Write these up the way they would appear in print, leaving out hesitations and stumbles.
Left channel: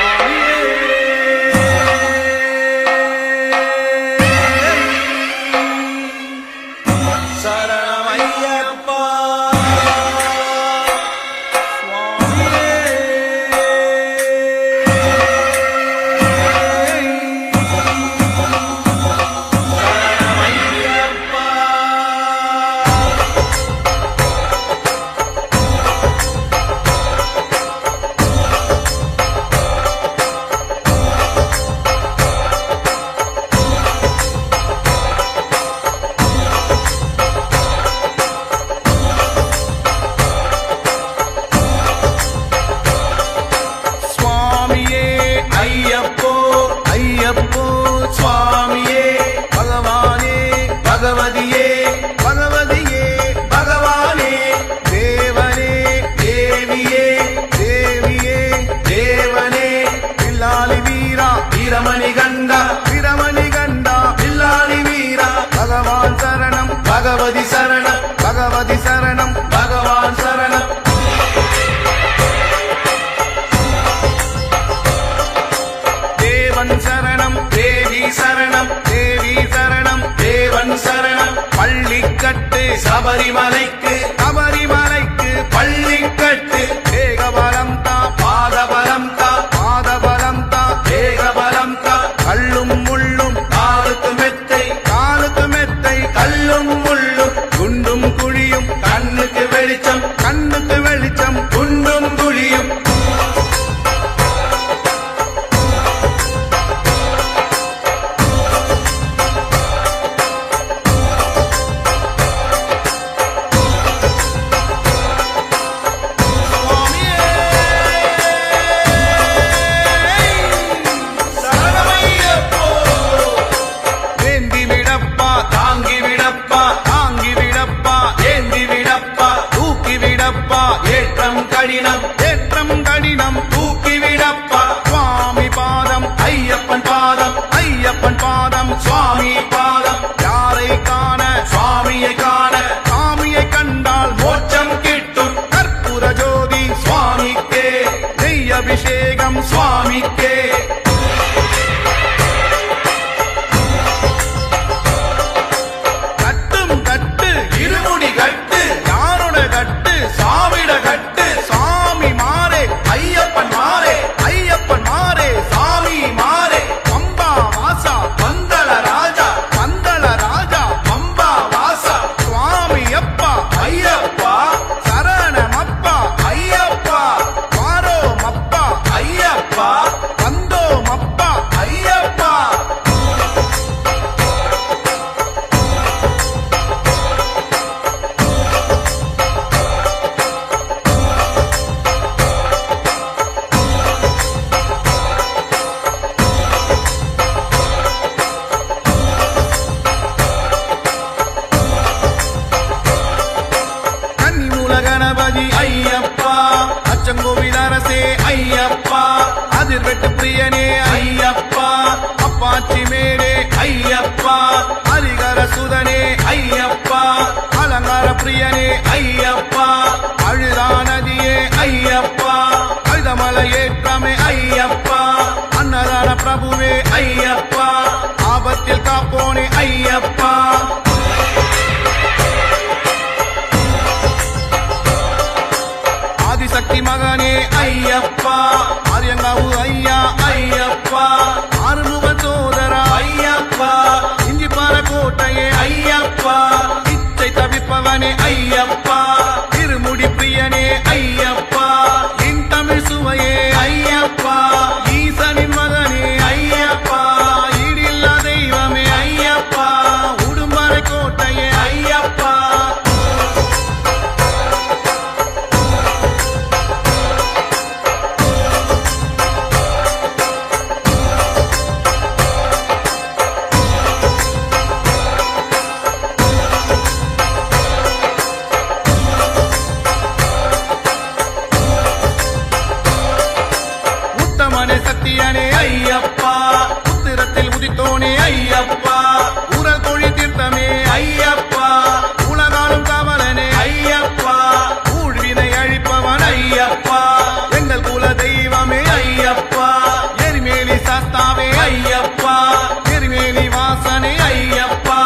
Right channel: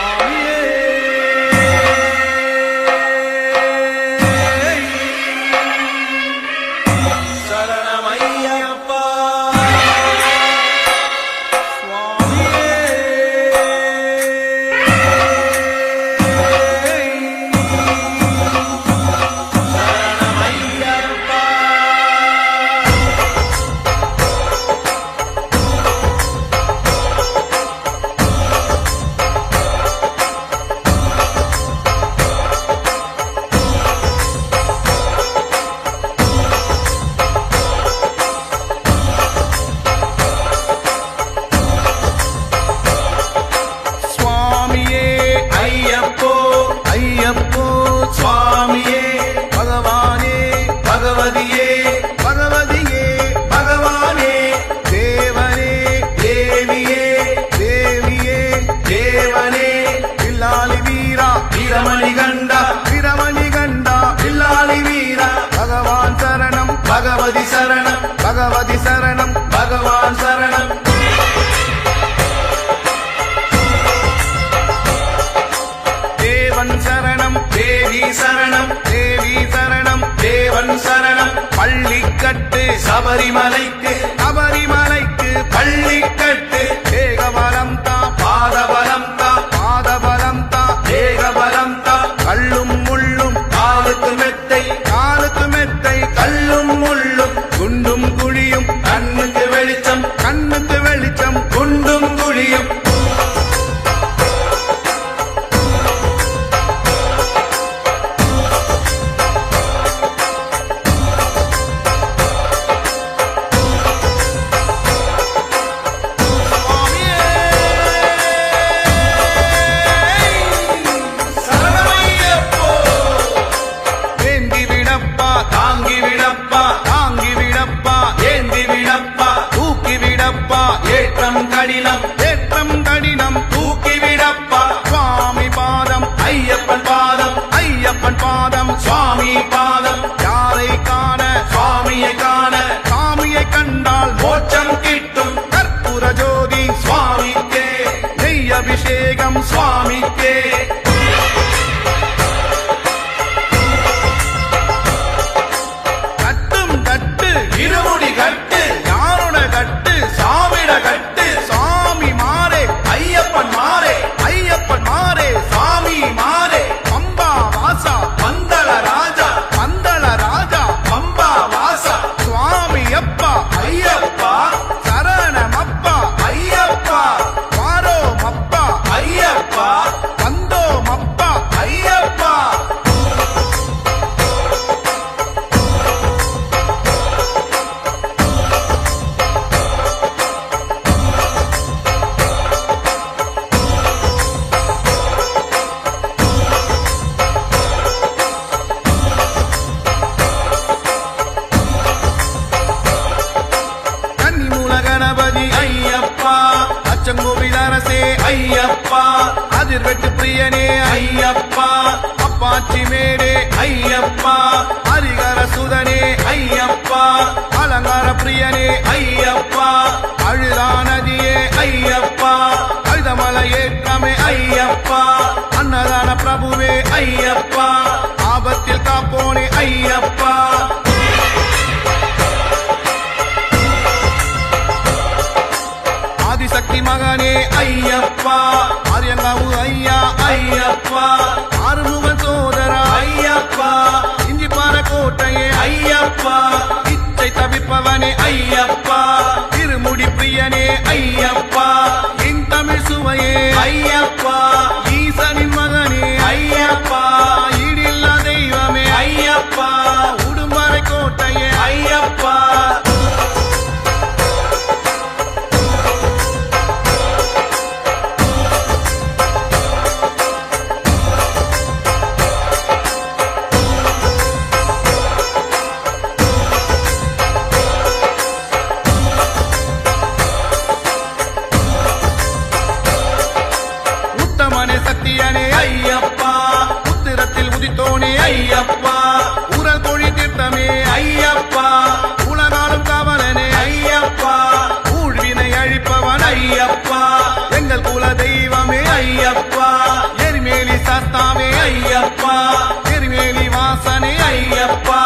சுவாமியே சரணமையப்பா சுவாமியே சரணமையப்பா சுவாமியே ஐயப்போ ஐயப்போ சுவாமியே பகவானே பகவதியே பகவதியே பகவானே தேவனே தேவியே தேவியே தேவனே வில்லாளி வீரா வீரமணி கண்டா வீரமணி கண்டா வில்லாளி வீரா பகவான் சரணம் பகவதி சரணம் பகவதி சரணம் பகவான் சரணம் தேவன் சரணம் தேவி சரணம் தேவி சரணம் தேவன் சரணம் பள்ளிக்கட்டு சபரிமலைக்கு சபரிமலைக்கு பள்ளிக்கட்டு ஏகபலம் தா பாதபலம் தா பாதபலம் தா ஏகபலம் தா கல்லும் முள்ளும் காலுக்கு மெத்தை காலுக்கு மெத்தை கல்லும் முள்ளும் குண்டும் குழியும் கண்ணுக்கு வெளிச்சம் கண்ணுக்கு வெளிச்சம் குண்டும் குழியும் சுவாமியே சரணமையப்போ ஏந்தி விடப்பா தாங்கி விடப்பா தாங்கி விடப்பா ஏந்தி விடப்பா தூக்கி விடப்பா ஏற்றம் கடினம் ஏற்றம் கடினம் தூக்கி விடப்பா சுவாமி பாதம் ஐயப்பன் பாதம் ஐயப்பன் பாதம் சுவாமி பாதம் யாரை காண சுவாமியை காண சாமியை கண்டால் மோட்சம் கிட்டும் கற்பூர ஜோதி சுவாமிக்கே நெய் அபிஷேகம் சுவாமிக்கே கட்டும் கட்டு இருமுடி கட்டு யாரோட கட்டு சாமிட கட்டு சாமி மாறே ஐயப்பன் மாறே ஐயப்பன் மாறே சாமி மாறே பம்பா வாசா பந்தள ராஜா பந்தள ராஜா பம்பா வாசா சுவாமி அப்பா ஐயப்பா சரணமப்பா ஐயப்பா வாரோமப்பா ஐயப்பா வந்தோமப்பா ஐயப்பா கன்னிமூல கணபதி ஐயப்பா அச்சங்கோவில் அரசே ஐயப்பா அதிர்வெட்டு பிரியனே ஐயப்பா அப்பாச்சி மேடே ஐயப்பா ஹரிகர சுதனே ஐயப்பா அலங்கார பிரியனே ஐயப்பா அழுதா நதியே ஐயப்பா அழுதமலை ஏற்றமே ஐயப்பா அன்னதான பிரபுவே ஐயப்பா ஆபத்தில் காப்போனே ஐயப்பா ஆதிசக்தி மகனே ஐயப்பா ஆரியங்காவு ஐயா ஐயப்பா ஆறுமுக சோதரா ஐயப்பா இஞ்சிப்பாற கோட்டையே ஐயப்பா இச்சை தவிப்பவனே ஐயப்பா இருமுடி பிரியனே ஐயப்பா என் தமிழ் சுவையே ஐயப்பா ஈசனின் மகனே ஐயப்பா ஈடில்லா தெய்வமே ஐயப்பா உடும்பறை கோட்டையே ஐயப்பா உத்தமனே சத்தியனே ஐயப்பா உத்திரத்தில் உதித்தோனே ஐயப்பா ஊரல் கோழி தீர்த்தமே ஐயப்பா உல உலகாலும் காவலனே ஐயப்பா ஊழ்வினை அழிப்பவன் ஐயப்பா எங்கள் குல தெய்வமே ஐயப்பா எரிமேலி சாஸ்தாவே ஐயப்பா எரிமேலி வாசனே ஐயப்பா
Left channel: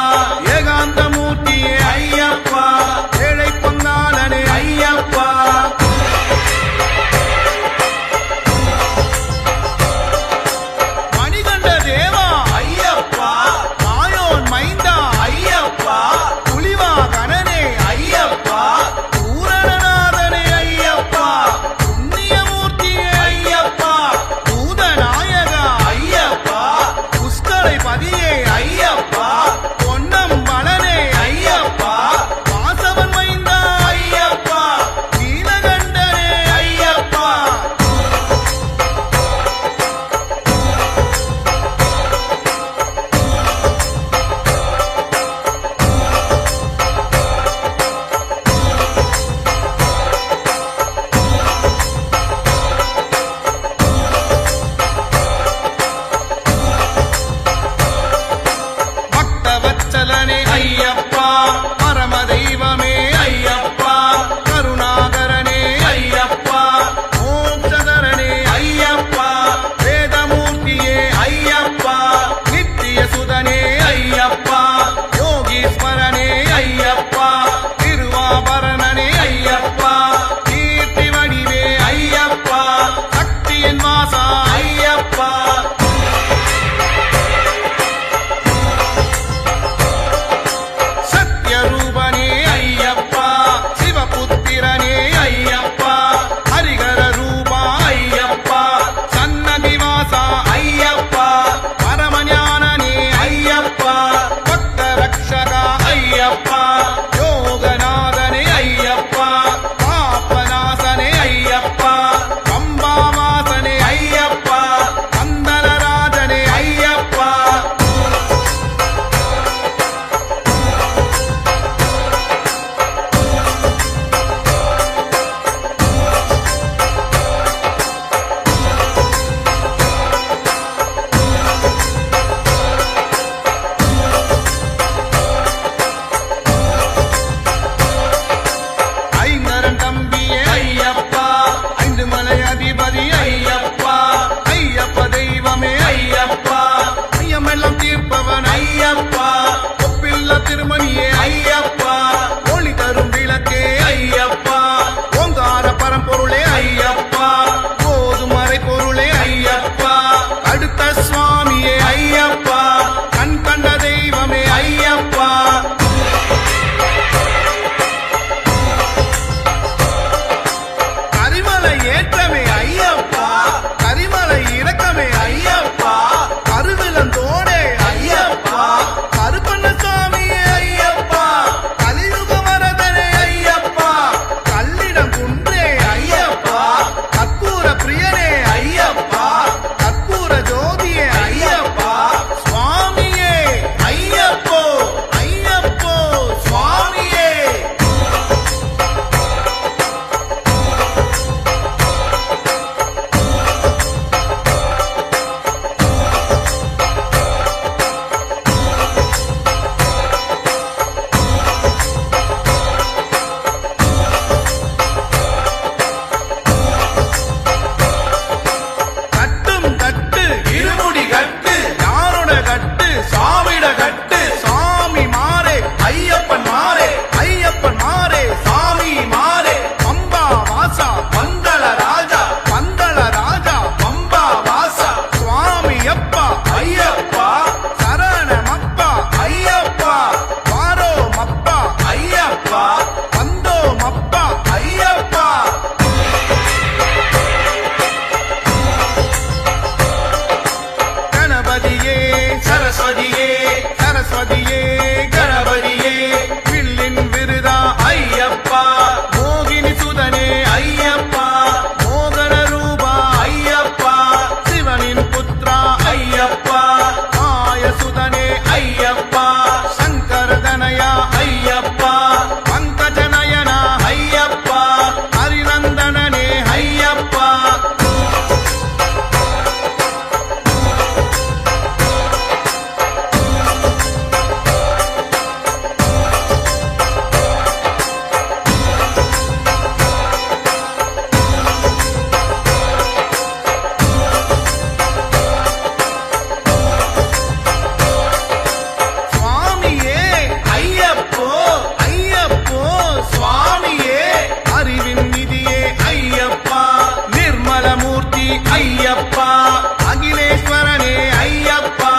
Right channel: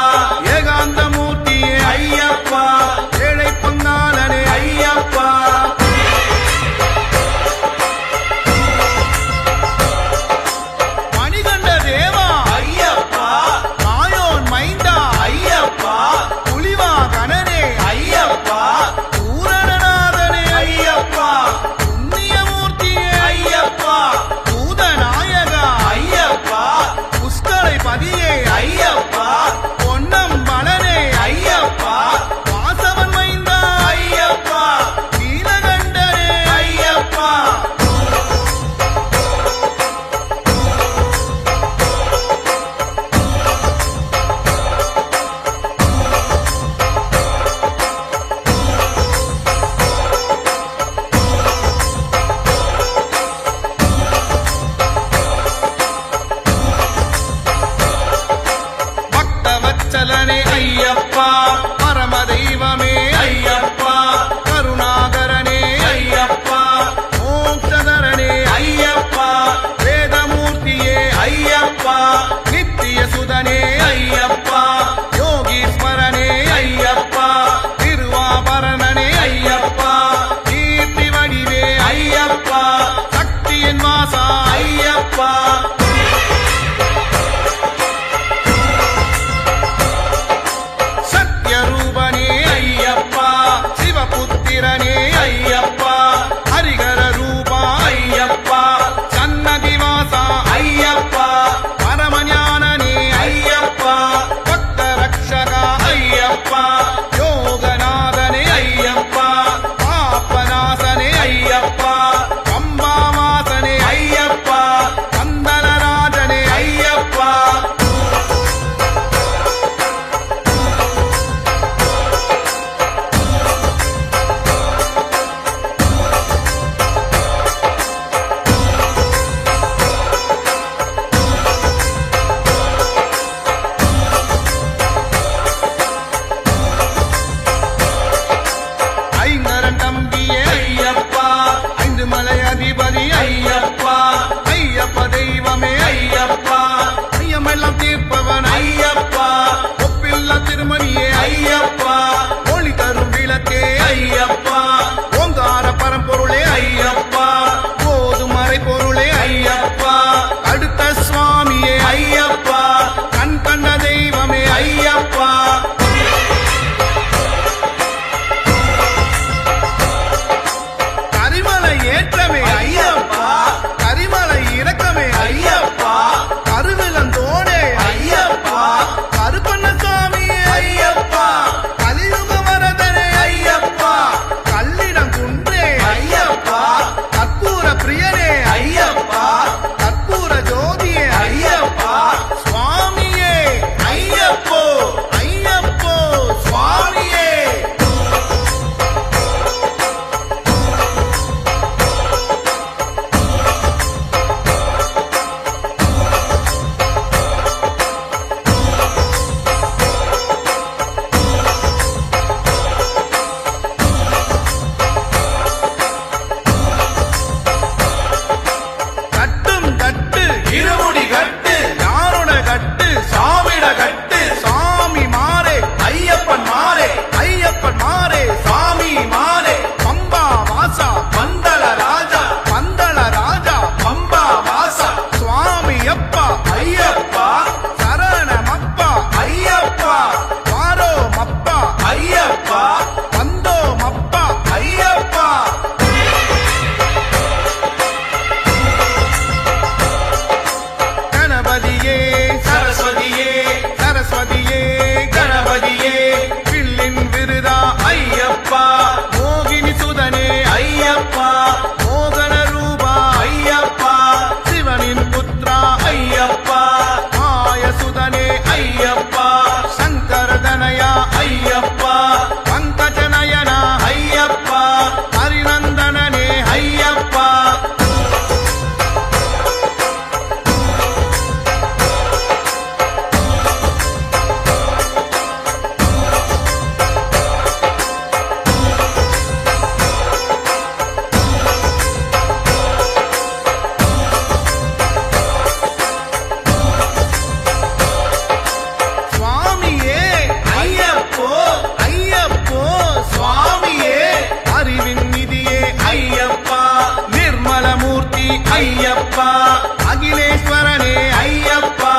ஏகாந்த மூர்த்தியே ஐயப்பா ஏழை பங்காளனே ஐயப்பா மணிகண்ட தேவா ஐயப்பா மாயோன் மைந்தா ஐயப்பா புலிவாகனனே ஐயப்பா பூரணநாதனே ஐயப்பா புண்ணியமூர்த்தியே ஐயப்பா பூதநாயகா ஐயப்பா புஷ்கரை பதியே ஐயப்பா பொன்னம்பலனே ஐயப்பா வாசவன் மைந்தா ஐயப்பா நீலகண்டனே ஐயப்பா பக்தவத்சலனே ஐயப்பா பரம தெய்வமே ஐயப்பா கருணாகரனே ஐயப்பா மோட்சதரனே ஐயப்பா வேதமூர்த்தியே ஐயப்பா நித்திய சுதனே ஐயப்பா யோகீஸ்வரனே ஐயப்பா திருவாபரணனே ஐயப்பா கீர்த்தி வடிவே ஐயப்பா சக்தியின் வாசா ஐயப்பா சத்யரூபனே ஐயப்பா சிவபுத்திரனே ஐயப்பா ஹரிகர ரூபா ஐயப்பா சன்னதி வாசா ஐயப்பா பரமஞானனே ஐயப்பா பக்த ரக்ஷகா ஐயப்பா யோகநாதனே ஐயப்பா பாப்பநாசனே ஐயப்பா பம்பாவாசனே ஐயப்பா பந்தலராஜனே ஐயப்பா ஐங்கரன் தம்பியே ஐயப்பா ஐந்து மலை அதிபதி ஐயப்பா ஐயப்ப தெய்வமே ஐயப்பா ஐயமெல்லாம் தீர்ப்பவன் ஐயப்பா ஒப்பில்ல திருமணியே ஐயப்பா ஒளி தரும் விளக்கே ஐயப்பா ஓங்கார பரம்பொருளே ஐயப்பா போதுமறை பொருளே ஐயப்பா அடுத்த சுவாமியே ஐயப்பா கண் கண்ட தெய்வமே ஐயப்பா கரிமலை ஏற்றமே ஐயப்பா கரிமலை இறக்கமே ஐயப்பா கருவிலந்தோடே ஐயப்பா கருப்பண்ணசாமியே ஐயப்பா கலியுக வரதனே ஐயப்பா கல்லிடம் குன்றே ஐயப்பா கற்பூர பிரியனே ஐயப்பா கற்பூர ஜோதியே ஐயப்பா சுவாமியே ஐயப்போ ஐயப்போ சுவாமியே கட்டும் கட்டு இருமுடி கட்டு யாரோட கட்டு சாமிட கட்டு சாமி மாறே ஐயப்பன் மாறே ஐயப்பன் மாறே சாமி மாறே பம்பா வாசா பந்தள ராஜா பந்தள ராஜா பம்பா வாசா சுவாமி அப்பா ஐயப்பா சரணமப்பா ஐயப்பா வாரோமப்பா ஐயப்பா வந்தோமப்பா ஐயப்பா கணபதியே சரஸ்வதியே சரஸ்வதியே கணபதியே வில்லின் விருதா ஐயப்பா மோகினி சுதனே ஐயப்பா மோகன ரூபா ஐயப்பா சிவனின் புத்ரா ஐயப்பா ஆயசுதனே ஐயப்பா சங்கரதனயா ஐயப்பா பங்கஜநயனா ஐயப்பா ஹரிநந்தனனே ஐயப்பா அகிலமூர்த்தி ஐயப்பா அகிலேஸ்வரனே ஐயப்பா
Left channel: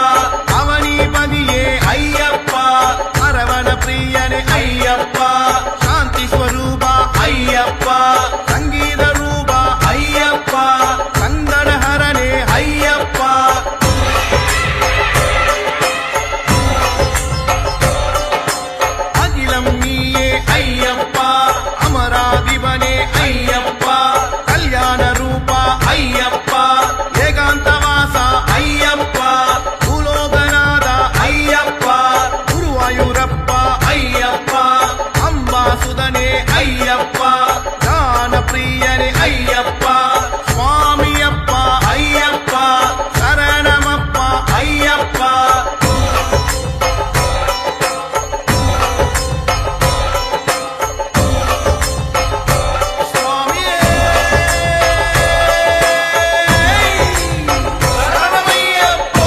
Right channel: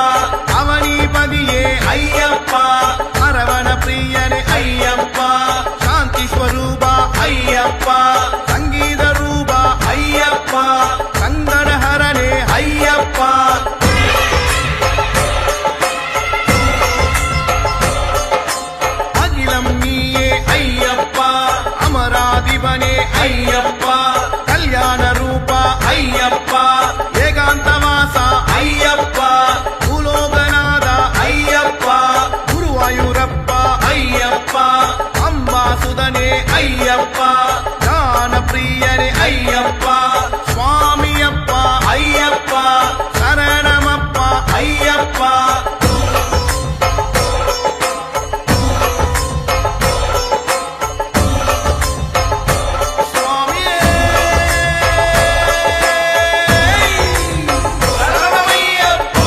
அவனிபதியே ஐயப்பா அரவண பிரியனே ஐயப்பா சாந்தி ஸ்வரூபா ஐயப்பா சங்கீத ரூபா ஐயப்பா சங்கடஹரனே ஐயப்பா அகிலம் நீயே ஐயப்பா அமராதிபனே ஐயப்பா கல்யாண ரூபா ஐயப்பா ஏகாந்தவாசா ஐயப்பா பூலோகநாதா ஐயப்பா குருவாயூரப்பா ஐயப்பா அம்பாசுதனே ஐயப்பா ஞான பிரியனே ஐயப்பா சுவாமியப்பா ஐயப்பா சரணமப்பா ஐயப்பா சுவாமியே சரணமையப்போ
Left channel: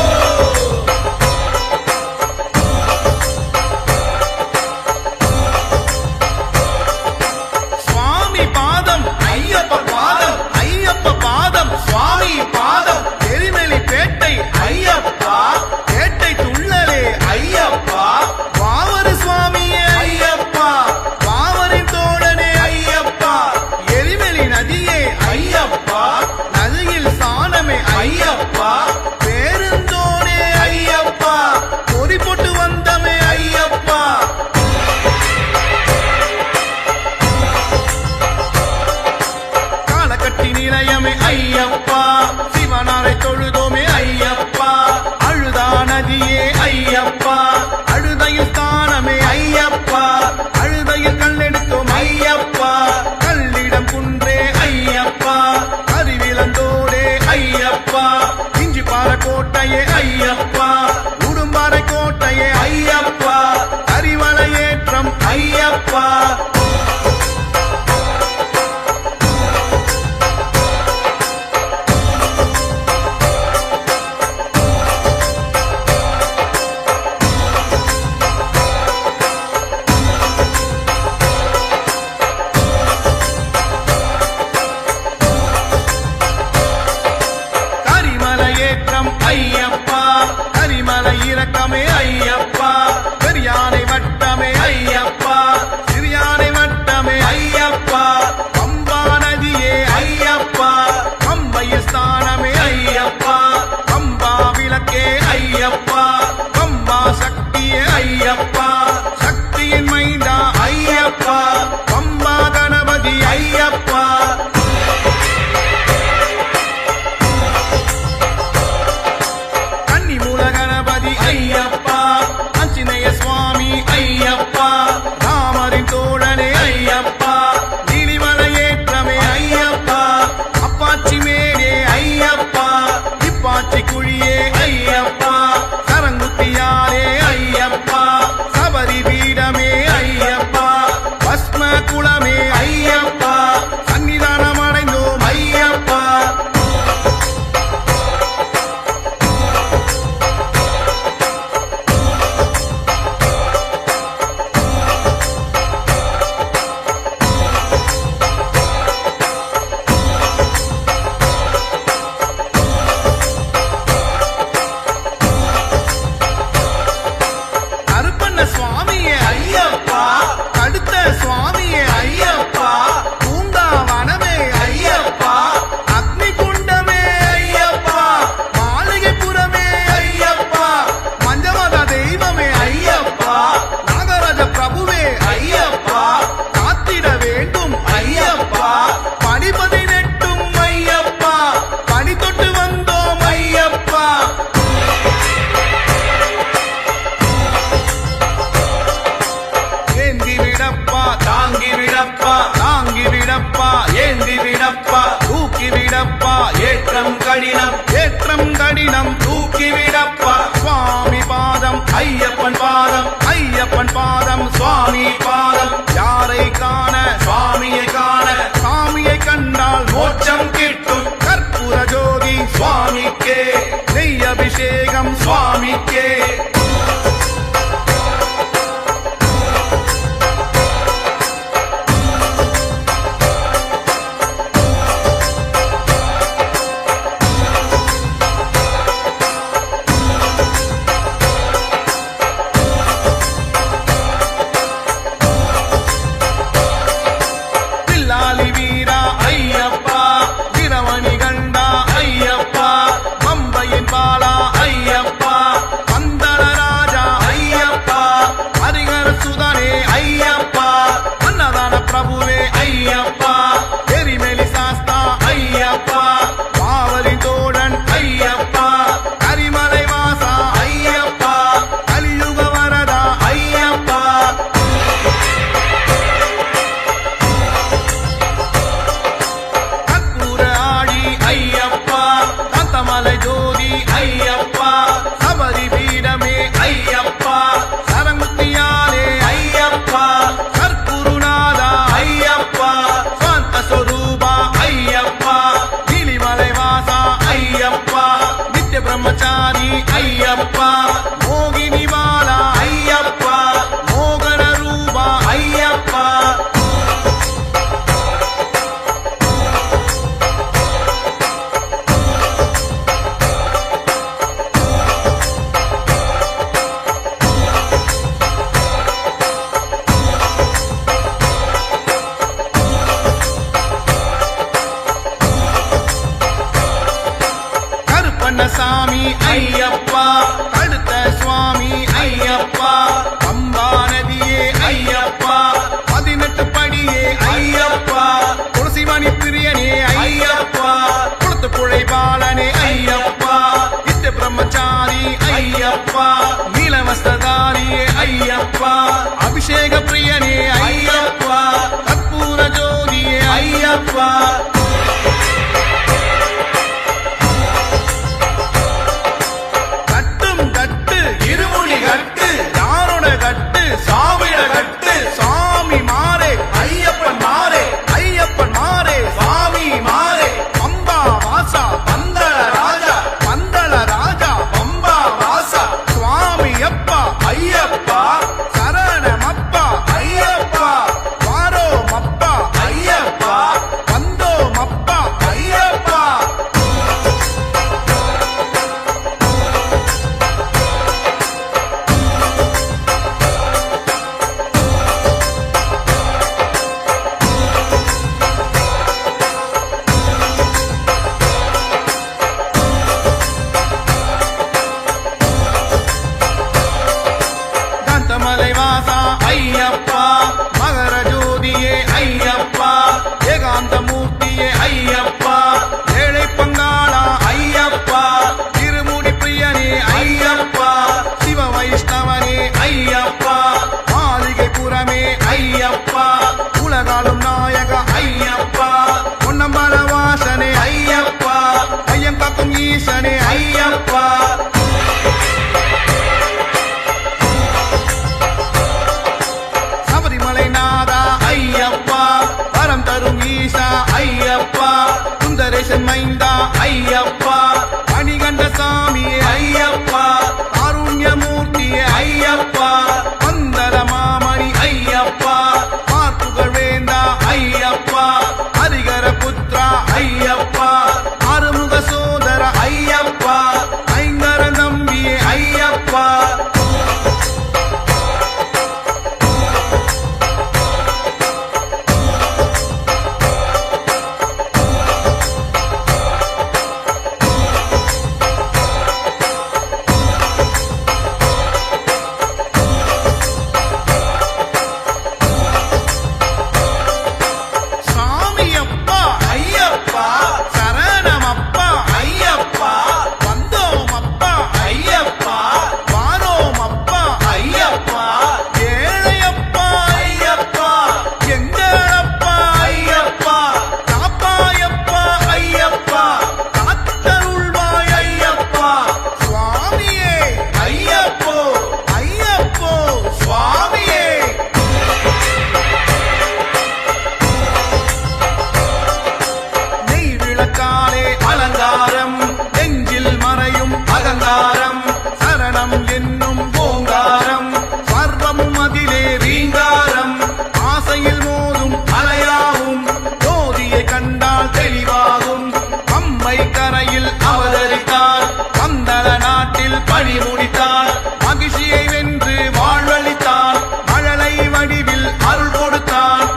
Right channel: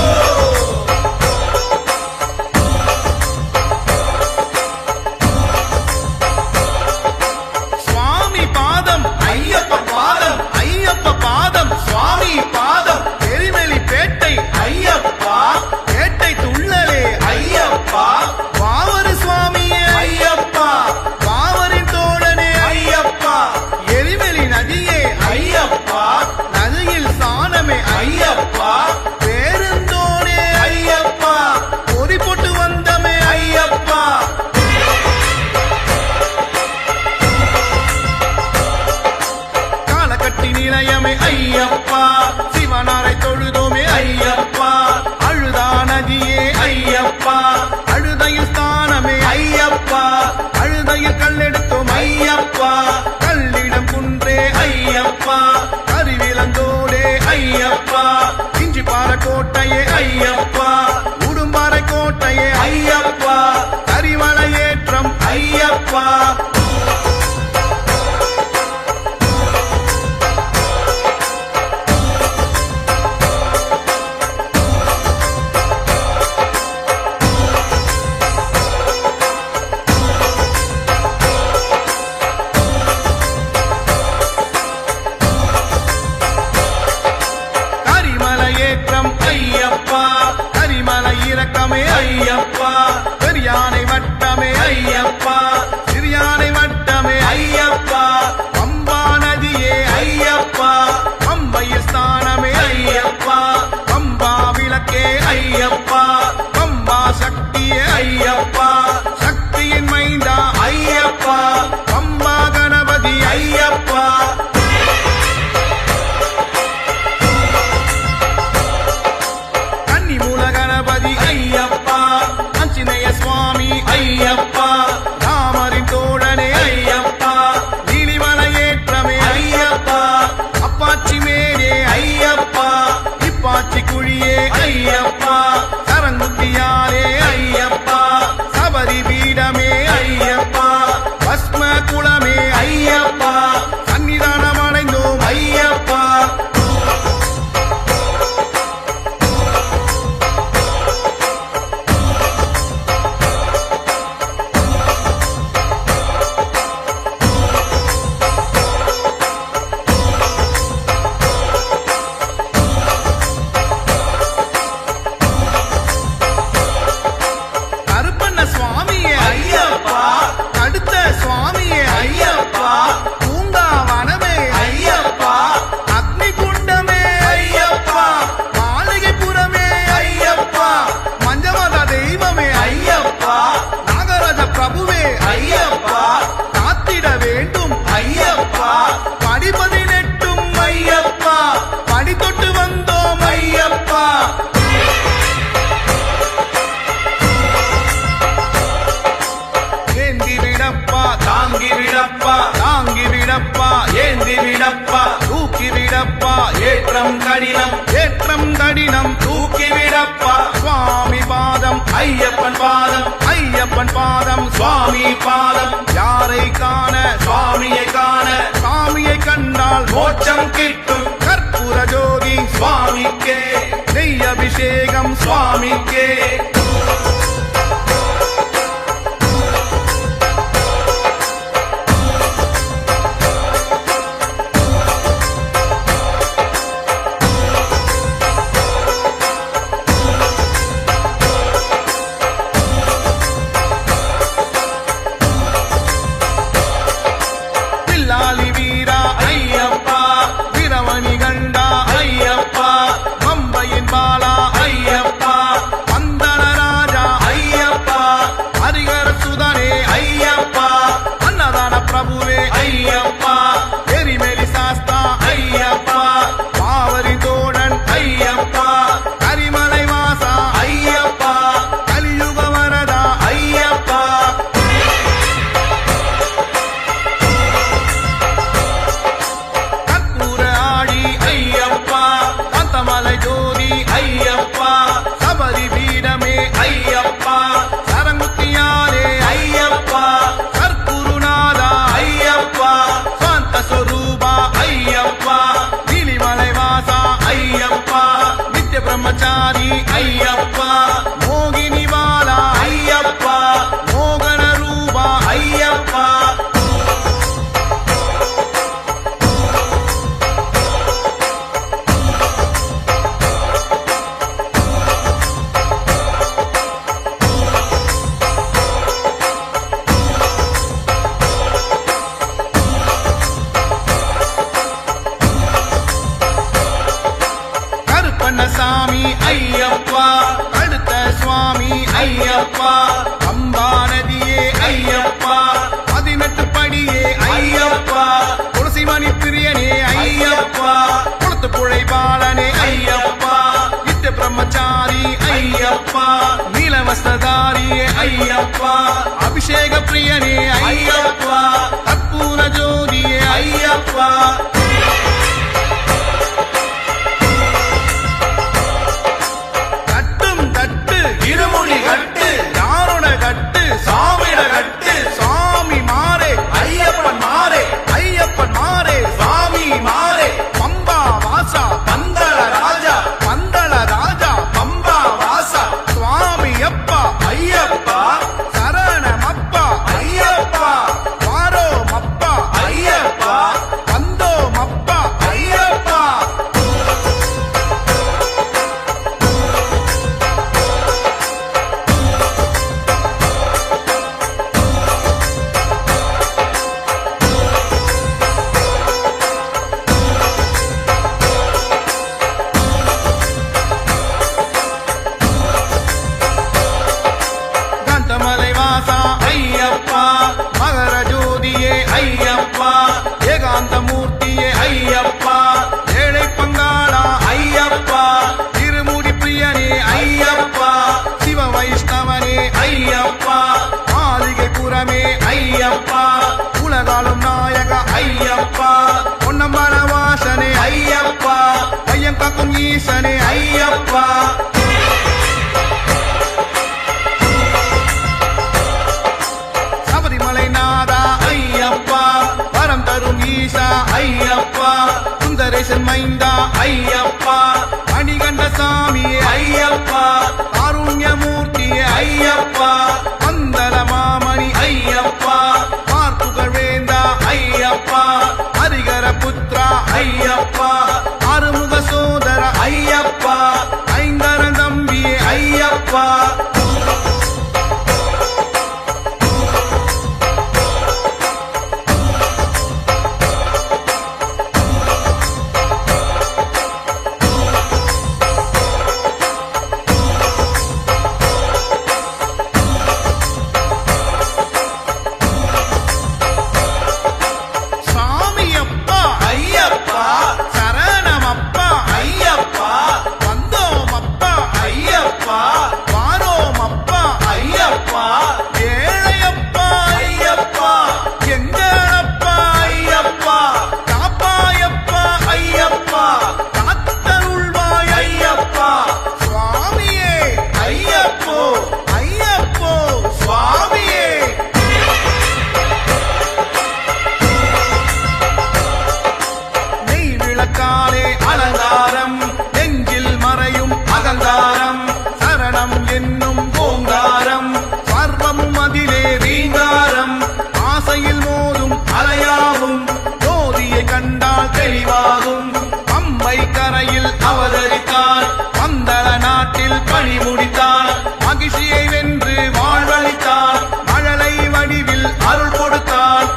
சுவாமி பாதம் ஐயப்ப பாதம் ஐயப்ப பாதம் சுவாமி பாதம் எரிமலி பேட்டை ஐயப்பா பேட்டை துள்ளலே ஐயப்பா வாவரு சுவாமியே ஐயப்பா வாவரின் தோழனே ஐயப்பா எரிமலி நதியே ஐயப்பா நதியில் சாணமே ஐயப்பா பேருந்தோனே ஐயப்பா பொறி போட்டு வந்தமே ஐயப்பா காலக்கட்டி நிலையமே ஐயப்பா சிவனாரை தொழுதோமே ஐயப்பா அழுதா நதியே ஐயப்பா அழுதையில் ஸ்தானமே ஐயப்பா அழுதையில் கல்லெடுத்தோம் ஐயப்பா கல்லிடம் குன்றே ஐயப்பா கருவிலந்தோடே ஐயப்பா இஞ்சிப்பாறை கோட்டையே ஐயப்பா உடும்பாறை கோட்டையே ஐயப்பா கரிவளையேற்றம் ஐயப்பா கரிமலையேற்றம் ஐயப்பா கரிமலை இறக்கமே ஐயப்பா பெரியானை வட்டமே ஐயப்பா சிறியானை வட்டமே ஐயப்பா பம்பா நதியே ஐயப்பா பம்பையில் ஸ்தானமே ஐயப்பா பம்பா விளக்கே ஐயப்பா பம்பா சக்தியே ஐயப்பா சக்தியின் மைந்தா ஐயப்பா பம்பா கணபதி ஐயப்பா கன்னிமூல கணபதி ஐயப்பா ஆஞ்சநேய சுவாமி ஐயப்பா ராமரின் தோழனே ஐயப்பா நீலிமலையேற்றமே ஐயப்பா அப்பாச்சி மேலே ஐயப்பா இப்பாச்சி குழியே ஐயப்பா சரங்குத்தியாரே ஐயப்பா சபரி பீடமே ஐயப்பா பஸ்ம குளமே ஐயப்பா சன்னிதானம் அடைந்தோம் ஐயப்பா கருப்பண்ண சுவாமியே ஐயப்பா கடுத்த சுவாமியே ஐயப்பா பூங்காவனமே ஐயப்பா அக்னி குண்டமே ஐயப்பா மாளிகைப்புறமே ஐயப்பா மஞ்சமத தெய்வமே ஐயப்பா நாகராஜ பிரபுவே ஐயப்பா காத்திட வேண்டும் ஐயப்பா படி 18 ஐயப்பா படி தொட்டு வந்தோம் ஐயப்பா ஏந்தி விடப்பா தாங்கி விடப்பா தாங்கி விடப்பா ஏந்தி விடப்பா தூக்கி விடப்பா ஏற்றம் கடினம் ஏற்றம் கடினம் தூக்கி விடப்பா சுவாமி பாதம் ஐயப்பன் பாதம் ஐயப்பன் பாதம் சுவாமி பாதம் யாரை காண சுவாமியை காண சாமியை கண்டால் மோட்சம் கிட்டும் கற்பூர ஜோதி சுவாமிக்கே நெய் அபிஷேகம் சுவாமிக்கே வீரமணி கண்டா ஐயப்பா பம்பையின் பாலா ஐயப்பா பந்தள ராஜா ஐயப்பா ஹரிகர சுதனே ஐயப்பா அன்னதான பிரபுவே ஐயப்பா எரிமெலி சாஸ்தா ஐயப்பா பாவரி தோழன் ஐயப்பா கரிமலை வாசா ஐயப்பா கலியுக வரதா ஐயப்பா கற்பூர ஆடி ஐயப்பா காந்தமலை ஜோதி ஐயப்பா சபரி பீடமே ஐயப்பா சரங்குத்தியாலே ஐயப்பா கற்புருநாதா ஐயப்பா சுவாந்த சொரூபா ஐயப்பா நீலிமலை வாசா ஐயப்பா நித்திய பிரம்மச்சாரி ஐயப்பா மோகினி பாலா ஐயப்பா மோகன ரூபா ஐயப்பா கருப்பண்ணசாமி ஐயப்பா கழுத்த சுவாமி ஐயப்பா பம்பா நதியே ஐயப்பா 18 படியே ஐயப்பா துளசிமணி பிரியனே ஐயப்பா குளத்து புழை பாலனே ஐயப்பா நித்திய பிரம்மச்சாரி ஐயப்பா நீலவஸ்தாரியே ஐயப்பா அபிஷேக பிரியனே ஐயப்பா கற்பூர ஜோதியே ஐயப்பா கட்டும் கட்டு இருமுடி கட்டு யாரோட கட்டு சாமிட கட்டு சாமி மாறே ஐயப்பன் மாறே ஐயப்பன் மாறே சாமி மாறே பம்பா வாசா பந்தள ராஜா பந்தள ராஜா பம்பா வாசா சுவாமி அப்பா ஐயப்பா சரணமப்பா ஐயப்பா வாரோ மப்பா ஐயப்பா வந்தோ மப்பா ஐயப்பா காந்தமலை வாசா ஐயப்பா மகர ஜோதியே ஐயப்பா ஏகாந்த மூர்த்தியே ஐயப்பா ஏழை பங்காளா ஐயப்பா திருமுடி பிரியனே ஐயப்பா சிவ வைஷ்ணவனே ஐயப்பா மாளிகை புறமே ஐயப்பா உலகாலும் நாயக ஐயப்பா பொன்னம்பல வாசனே ஐயப்பா பையன் காக்கும் ஈசனே ஐயப்பா சபரிமலை நாதா ஐயப்பா வரம் தரும் ஈசா ஐயப்பா சுந்தரேசன் மைந்தா ஐயப்பா மணிகண்ட சாமியே ஐயப்பா காருண்யமூர்த்தியே ஐயப்பா பந்தல மாமணி ஐயப்பா பார்ப்புகழ் வேந்தா ஐயப்பா ஹரிகர புத்ரா ஐயப்பா ஆறுமுக சோதர ஐயப்பா ஐங்கர தம்பியே ஐயப்பா சாமியப்பா ஐயப்பா சரணமப்பா ஐயப்பா வந்தோமப்பா ஐயப்பா வாரோமப்பா ஐயப்பா ஏழையப்பா ஐயப்பா எங்களப்பா ஐயப்பா காப்பாயப்பா ஐயப்பா காத்தருள்வாய் ஐயப்பா சுவாமியே ஐயப்போ ஐயப்போ சுவாமியே நெய் விளக்காலே அலங்காரம் நெஞ்சில் மறையும் அகங்காரம் சரணம் என்னும் ஓங்காரம் சர்வமும் அதிலே ரீங்காரம் ஆசையில் மோதும் அலையாகும் ஜோதியை கண்டால் தெளிவாகும் பம்பை கரையில் அவதரித்தான் பந்தள நாட்டில் பணி முடித்தான் மகிழ்ச்சியை வென்று வாழ்வழித்தான் மழலை வடிவில் அருள் கொடுத்தான்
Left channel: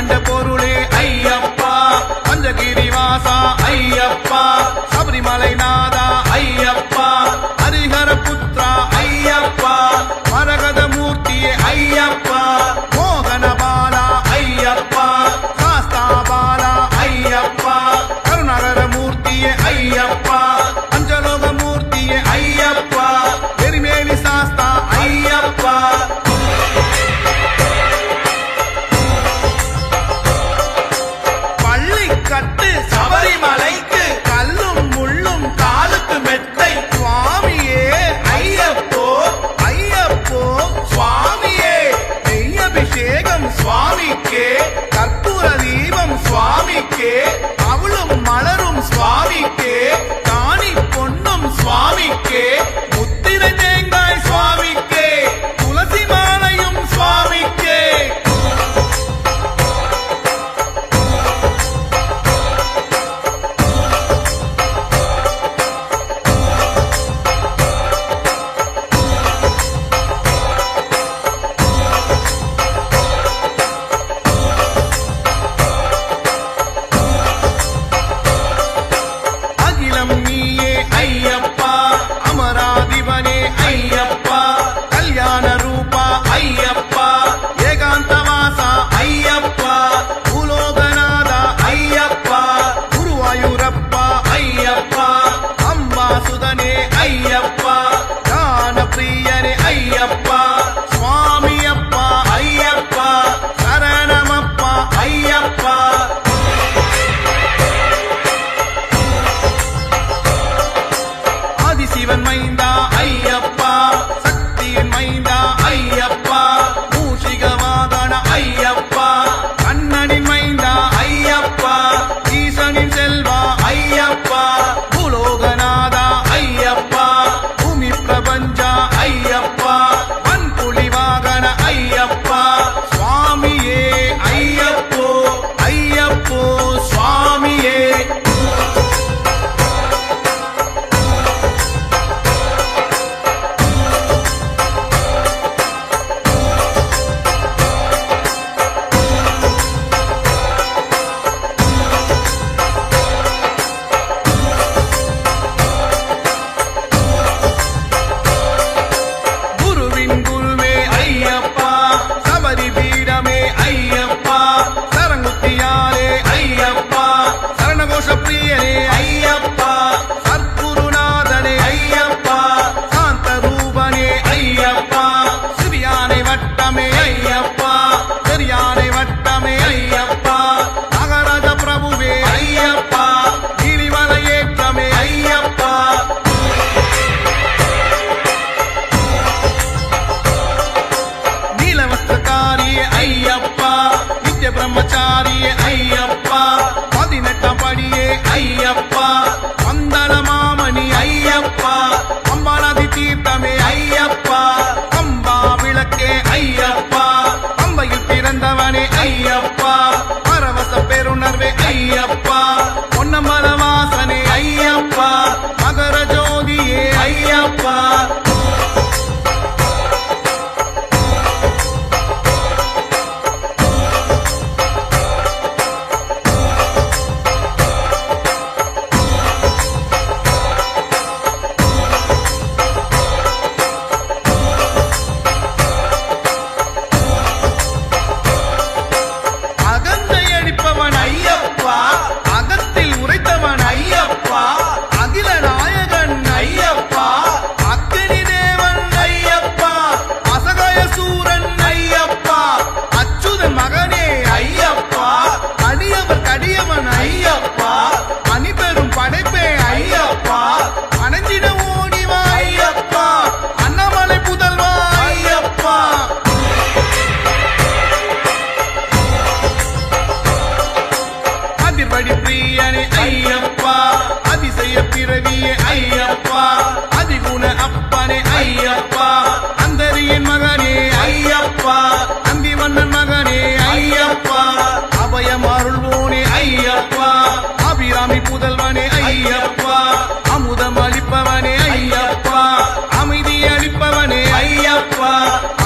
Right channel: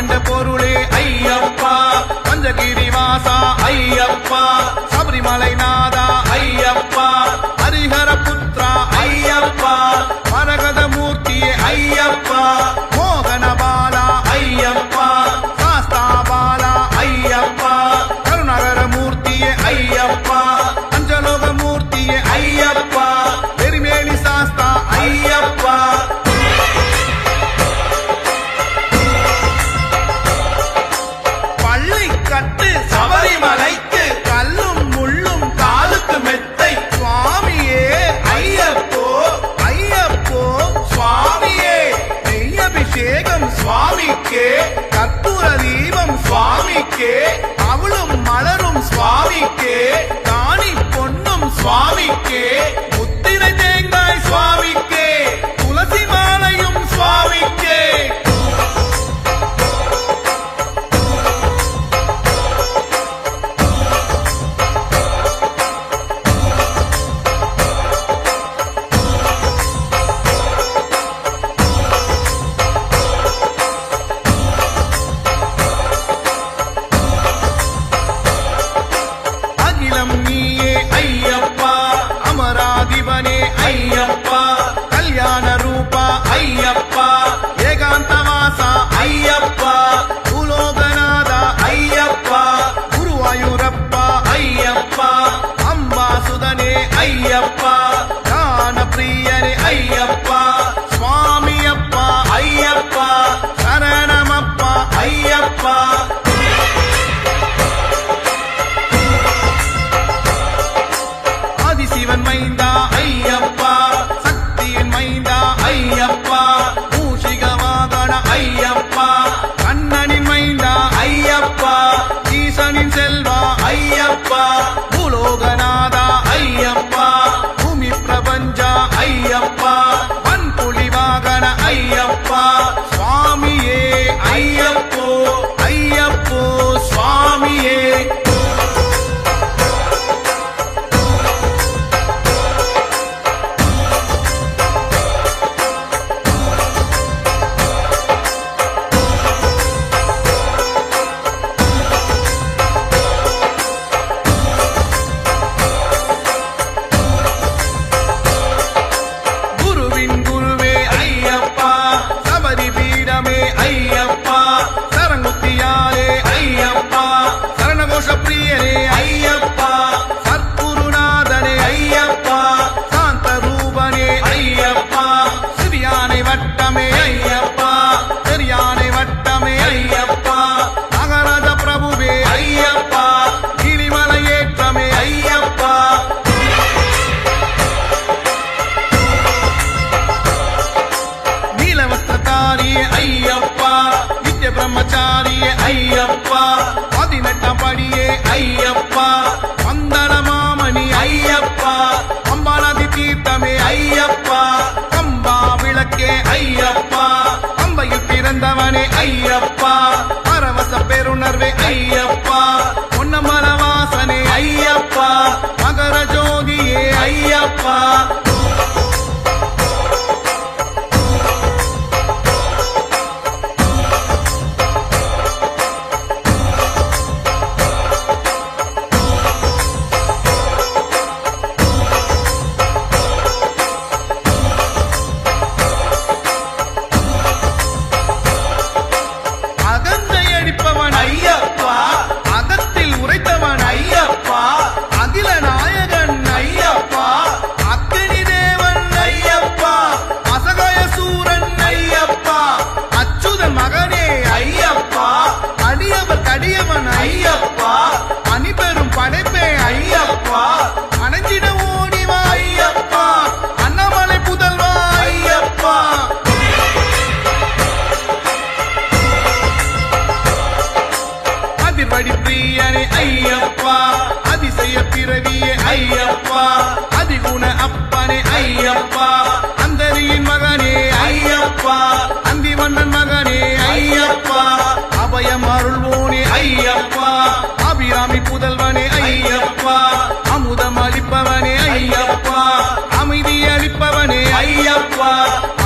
கண்ட பொருளே ஐயப்பா பஞ்சகிரி வாசா ஐயப்பா சபரிமலை நாதா ஐயப்பா ஹரிஹர புத்ரா ஐயப்பா மரகத மூர்த்தியே ஐயப்பா மோகன பாலா ஐயப்பா சாஸ்தா பாலா ஐயப்பா கருணாகர மூர்த்தியே ஐயப்பா பஞ்சலோக மூர்த்தியே ஐயப்பா எரிமேலி சாஸ்தா ஐயப்பா பள்ளி கட்டு சபரிமலைக்கு கல்லும் முள்ளும் காலுக்கு மெத்தை சுவாமியே ஐயப்போ ஐயப்போ சுவாமியே நெய்யபிஷேகம் சுவாமிக்கே கற்பூர தீபம் சுவாமிக்கே அவளும் மலரும் சுவாமிக்கே காணி பொன்னும் சுவாமிக்கே முத்திரை தேங்காய் சுவாமிக்கே துளசி மாலையும் சுவாமிக்கே அகிலம் நீயே ஐயப்பா அமராதிபனே ஐயப்பா கல்யாண ரூபா ஐயப்பா ஏகாந்தவாசா ஐயப்பா பூலோகநாதா ஐயப்பா குருவாயூரப்பா ஐயப்பா அம்பாசுதனே ஐயப்பா ஞான பிரியனே ஐயப்பா சுவாமியப்பா ஐயப்பா சரணமப்பா ஐயப்பா ஆதிசிவன் மைந்தா ஐயப்பா சக்தியின் மைந்தா ஐயப்பா மூஷிக வாகன ஐயப்பா கண்ணனின் மைந்தா ஐயப்பா ஈசனின் செல்வா ஐயப்பா பூலோகநாதா ஐயப்பா பூமி பிரபஞ்சா ஐயப்பா வன்புலி வாகன ஐயப்பா சுவாமியே ஐயப்போ ஐயப்போ சுவாமியே குருவின் குருவே ஐயப்பா சபரி பீடமே ஐயப்பா சரங்குத்தியாலே ஐயப்பா சரணகோஷ பிரியனே ஐயப்பா சற்குருநாதனே ஐயப்பா சாந்த ரூபனே ஐயப்பா சிறியானை வட்டமே ஐயப்பா பெரியானை வட்டமே ஐயப்பா நகராஜ பிரபுவே ஐயப்பா கிளிமலை ஏற்றமே ஐயப்பா நீலவஸ்திரக்காரியே ஐயப்பா நித்திய பிரம்மச்சாரியே ஐயப்பா 18ஆம் படியே ஐயப்பா பந்தள மாமணி ஐயப்பா பம்பாநதி தீர்த்தமே ஐயப்பா பம்பா விளக்கே ஐயப்பா பம்பையில் பிறந்தவனே ஐயப்பா பரவச பெருணர்வே ஐயப்பா பொன்னம்பல வாசனே ஐயப்பா மகர ஜோதியே ஐயப்பா அகந்தை அடிப்பவன் ஐயப்பா அகத்தில் உரைத்தவன் ஐயப்பா அகில நாயகன் ஐயப்பா அக்கினி தேவன் ஐயப்பா அசகாய சூரன் ஐயப்பா அச்சுதன் மகனே ஐயப்பா அடியவர் கடியவன் ஐயப்பா அணிபெரும் படைப்பே ஐயப்பா அணைஞ்சிட ஓடிவா ஐயப்பா அண்ணாமலை புதல்வா ஐயப்பா அதிர்வடி பிரியனே ஐயப்பா அதிசய பிறவியே ஐயப்பா அதிகுண அப்பனே ஐயப்பா அந்தரியின் மகனே ஐயப்பா அந்திவண்ணன் மகனே ஐயப்பா அபயம் அருள்வோனே ஐயப்பா அபிராமி புதல்வனே ஐயப்பா அமுதம் அளிப்பவனே ஐயப்பா அமைதி அளிப்பவனே ஐயப்பா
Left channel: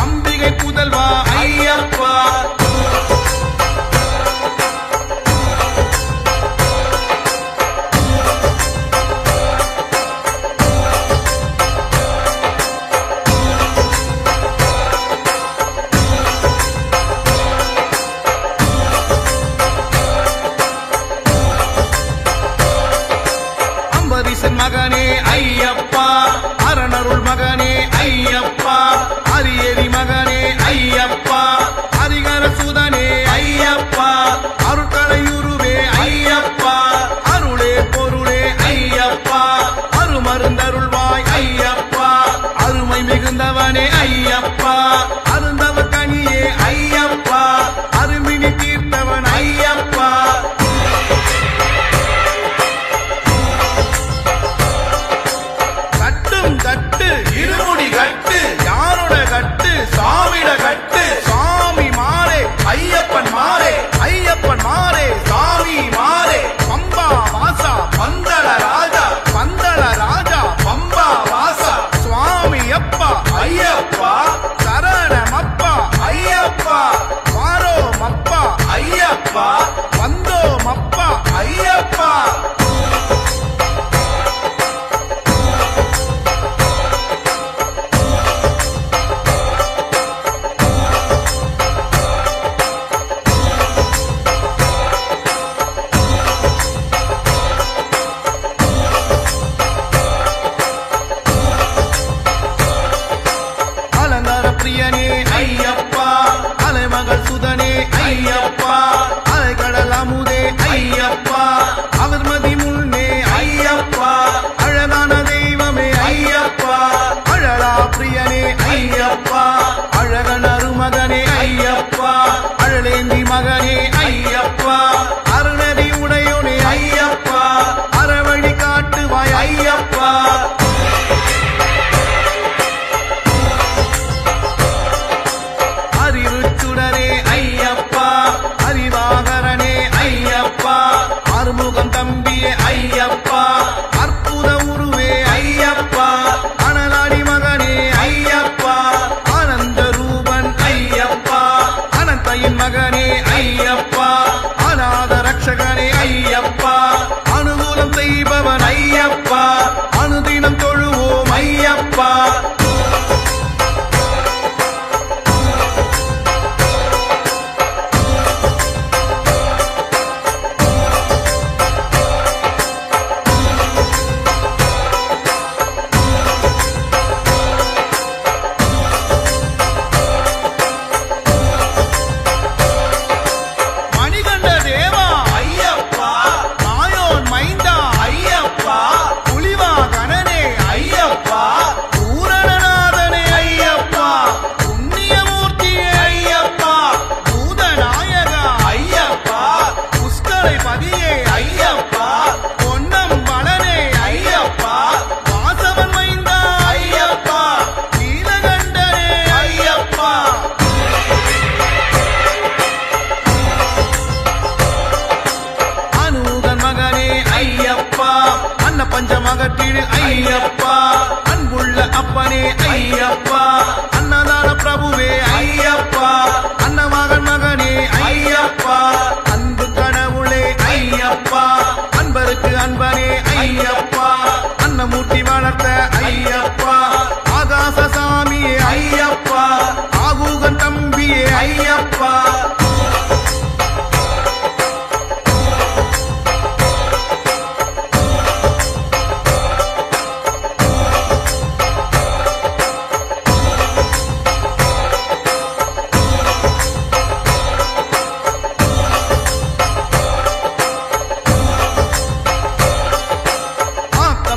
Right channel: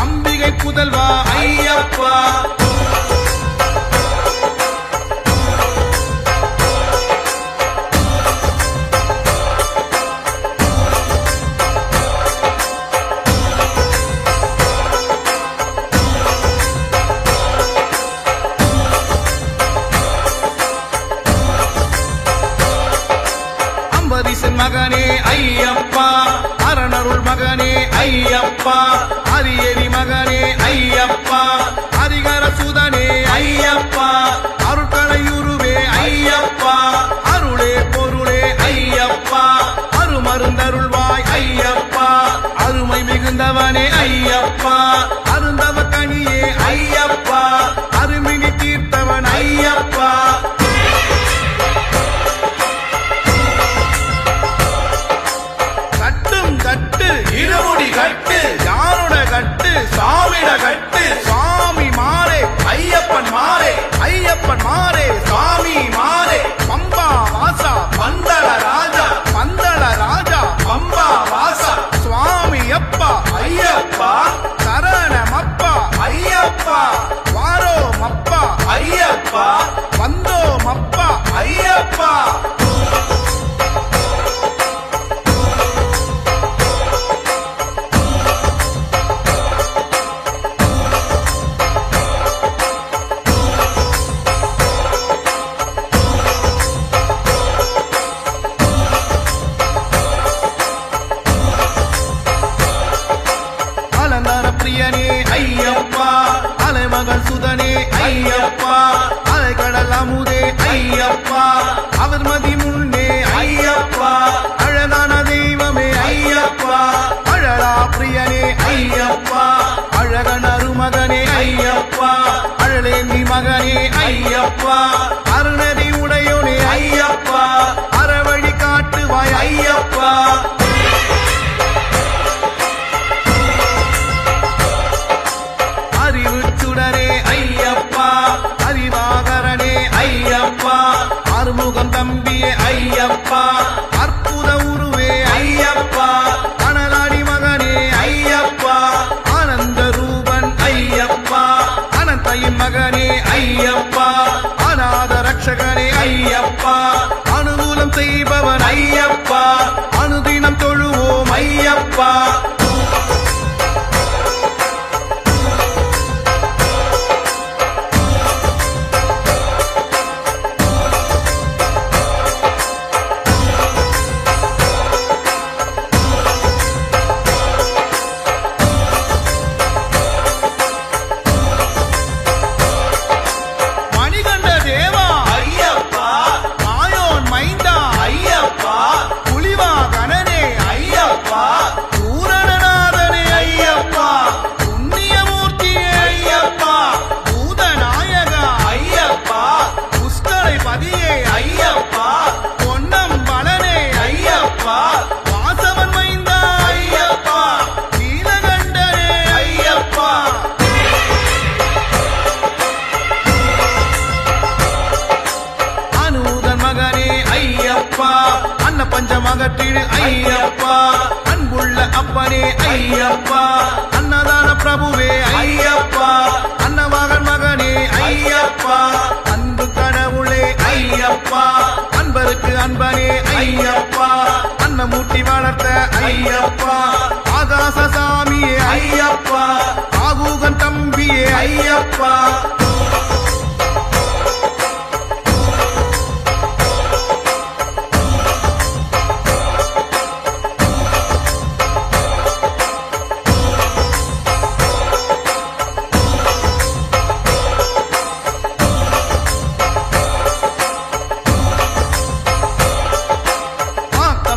அம்பிகை புதல்வா ஐயப்பா அம்பரீசன் மகனே ஐயப்பா, அரணருள் மகனே ஐயப்பா, அரியரி மகனே ஐயப்பா, ஹரிகர சுதனே ஐயப்பா, அருட்கலையுருவே ஐயப்பா, அருளே பொருளே ஐயப்பா, அருமருந்தருள்வாய் ஐயப்பா, அருமை மிகுந்தவனே ஐயப்பா, அருந்தவ கனியே ஐயப்பா, அருமினி தீர்த்தவன் ஐயப்பா. கட்டும் கட்டு இருமுடி கட்டு, யாரோட கட்டு சாமிட கட்டு, சாமி மாறே ஐயப்பன் மாறே, ஐயப்பன் மாறே சாமி மாறே, பம்பா வாசா பந்தள ராஜா, பந்தள ராஜா பம்பா வாசா, சுவாமி அப்பா ஐயப்பா, சரணமப்பா ஐயப்பா, வாரோமப்பா ஐயப்பா, வந்தோமப்பா ஐயப்பா. அலங்கார பிரியனே ஐயப்பா, அலைமகள் சுதனே ஐயப்பா, அலைக்கடல் அமுதே ஐயப்பா, அவர்மதி முன்னே ஐயப்பா, அழகான தெய்வமே ஐயப்பா, அழலா பிரியனே ஐயப்பா, அழகன் அருமகனே ஐயப்பா, அழலேந்தி மகனே ஐயப்பா, அருணதி உடையோனே ஐயப்பா, அறவழி காட்டுவாய் ஐயப்பா. அறிவுச்சுடரே ஐயப்பா, அறிவாகரனே ஐயப்பா, அறுமுகம் தம்பியே ஐயப்பா, அற்புத உருவே ஐயப்பா, அனலாடி மகனே ஐயப்பா, ஆனந்த ரூபன் ஐயப்பா, அனந்தையின் மகனே ஐயப்பா, அநாத ரட்சகனே ஐயப்பா, அனுகூலம் செய்பவன் ஐயப்பா, அனுதினம் தொழுவோம் ஐயப்பா. மணிகண்ட தேவா ஐயப்பா, மாயோன் மைந்தா ஐயப்பா, புலிவாகனனே ஐயப்பா, பூரணநாதனே ஐயப்பா, புண்ணியமூர்த்தியே ஐயப்பா, பூதநாயகா ஐயப்பா, புஷ்கரை பதியே ஐயப்பா, பொன்னம்பலனே ஐயப்பா, வாசவன் மைந்தா ஐயப்பா, நீலகண்டனே ஐயப்பா. அனூதன் மகனே ஐயப்பா, அன்ன பஞ்சமகற்றிடு ஐயப்பா, அன்புள்ள அப்பனே ஐயப்பா, அன்னதான பிரபுவே ஐயப்பா, அன்னமகன் மகனே ஐயப்பா, அன்பு கடவுளே ஐயப்பா, அன்பருக்கு அன்பனே ஐயப்பா, அன்னமூர்த்தி வளர்த்த ஐயப்பா, ஆகாசசாமியே ஐயப்பா, ஆகூகன் தம்பியே ஐயப்பா.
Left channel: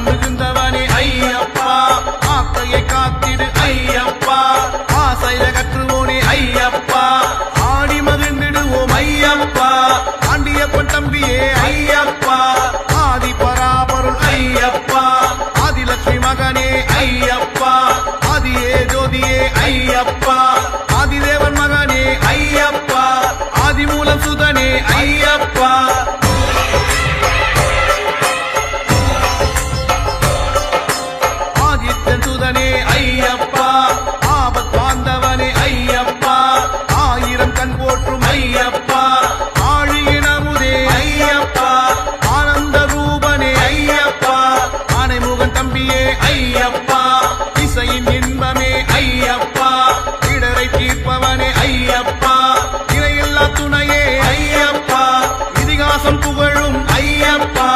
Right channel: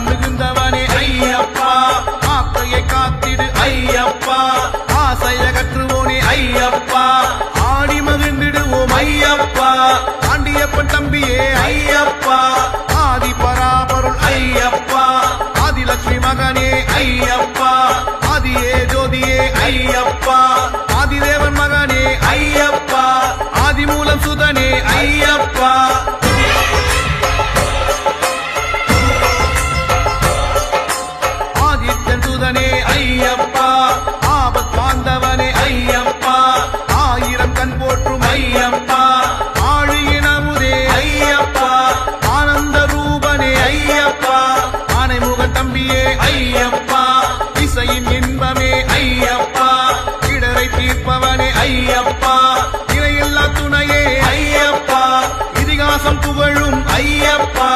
மிகுந்தவனே ஐயப்பா, ஆக்கையை காத்திடு ஐயப்பா, ஆசையகற்றுவோனே ஐயப்பா, ஆடி மகிழ்ந்திடுவோம் ஐயப்பா, ஆண்டியப்பன் தம்பியே ஐயப்பா, ஆதி பராபருள் ஐயப்பா, ஆதிலட்சுமி மகனே ஐயப்பா, ஆதியே ஜோதியே ஐயப்பா, ஆதிதேவன் மகனே ஐயப்பா, ஆதிமூலம் சுதனே ஐயப்பா. ஆதித்தன் சுதனே ஐயப்பா, ஆபத் பாந்தவனே ஐயப்பா, ஆயிரம் கண் போற்றும் ஐயப்பா, ஆழியின் அமுதே ஐயப்பா, ஆனந்த ரூபனே ஐயப்பா, ஆனைமுகன் தம்பியே ஐயப்பா, இசையின் இன்பமே ஐயப்பா, இடரை தீர்ப்பவனே ஐயப்பா, இணையில்லா துணையே ஐயப்பா, இதிகாசம் புகழும் ஐயப்பா.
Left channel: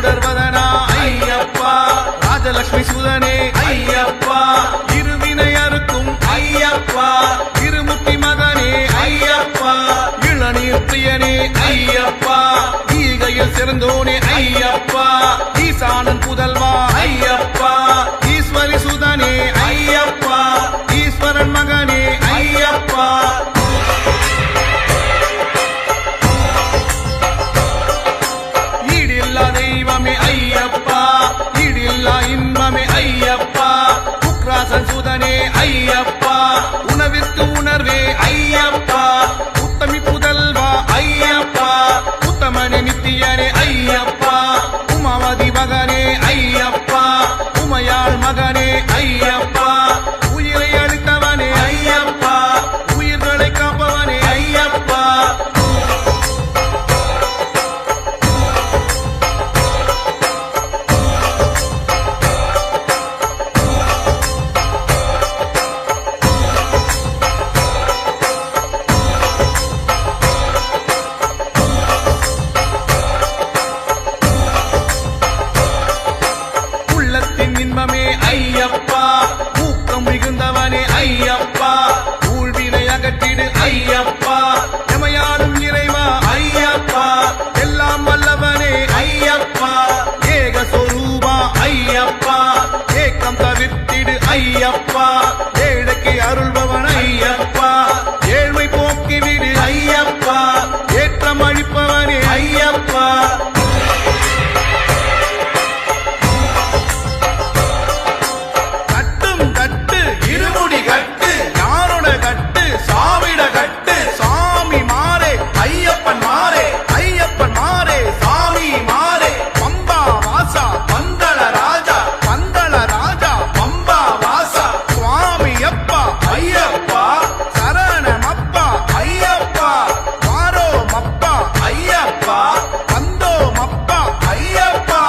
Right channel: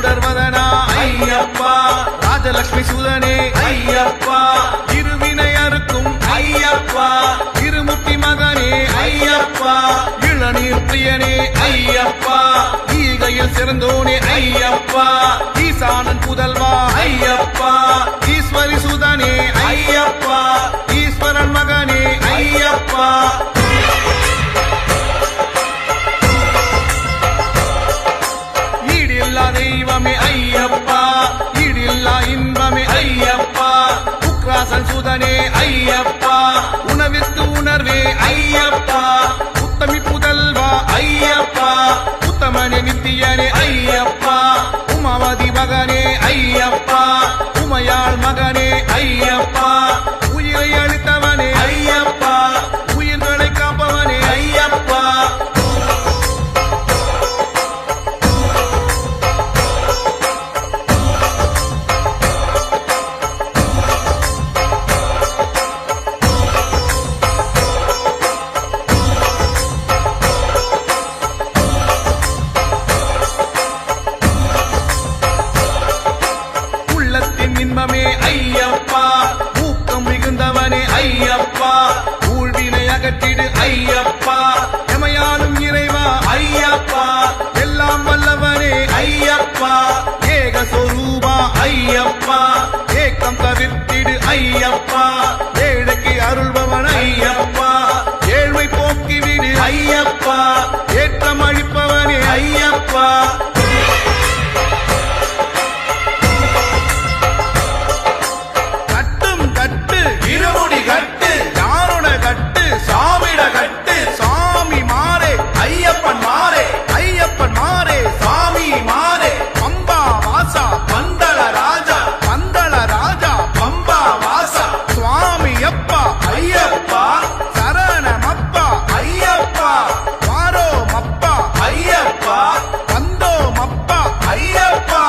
சுடர்வதனா ஐயப்பா ராஜலட்சுமி சுதனே ஐயப்பா இருவினை அறுக்கும் ஐயப்பா இருமுத்தி மகனே ஐயப்பா இளநீர் பிரியனே ஐயப்பா ஈகையில் சிறந்தோனே ஐயப்பா ஈசானன் புதல்வா ஐயப்பா ஈஸ்வரி சுதனே ஐயப்பா ஈஸ்வரன் மகனே ஐயப்பா ஈடில்லா தெய்வமே ஐயப்பா ஈடில்லா இன்பமே ஐயப்பா உக்ராசன் சுதனே ஐயப்பா உணவிற்கு உணர்வே ஐயப்பா உத்தமி புதல்வா ஐயப்பா உத்தமனே நித்தியனே ஐயப்பா உமாவதி மகனே ஐயப்பா உமையாள் மகனே ஐயப்பா உயிரை அளித்தவனே ஐயப்பா உயிர்களை காப்பவனே ஐயப்பா உள்ளத்தின் இன்பமே ஐயப்பா ஊக்கம் மிகுந்தவனே ஐயப்பா ஊழ்வினை அகற்றிடு ஐயப்பா எமையாளும் இறைவா ஐயப்பா எல்லாம் வல்லவனே ஐயப்பா ஏக சொரூபா ஐயப்பா ஏக்கம் தவிர்த்திடு ஐயப்பா ஏழைக்கு அருள்பவன் ஐயப்பா ஏழ்மை போக்கிவிடு ஐயப்பா ஏற்றம் அழிப்பவனே ஐயப்பா கட்டும் கட்டு இருமுடி கட்டு யாரோட கட்டு சாமிட கட்டு சாமி மாறே ஐயப்பன் மாறே ஐயப்பன் மாறே சாமி மாறே பம்பா வாசா பந்தள ராஜா பந்தள ராஜா பம்பா வாசா சுவாமி அப்பா ஐயப்பா சரணமப்பா ஐயப்பா வாரோ மப்பா ஐயப்பா வந்தோ மப்பா ஐயப்பா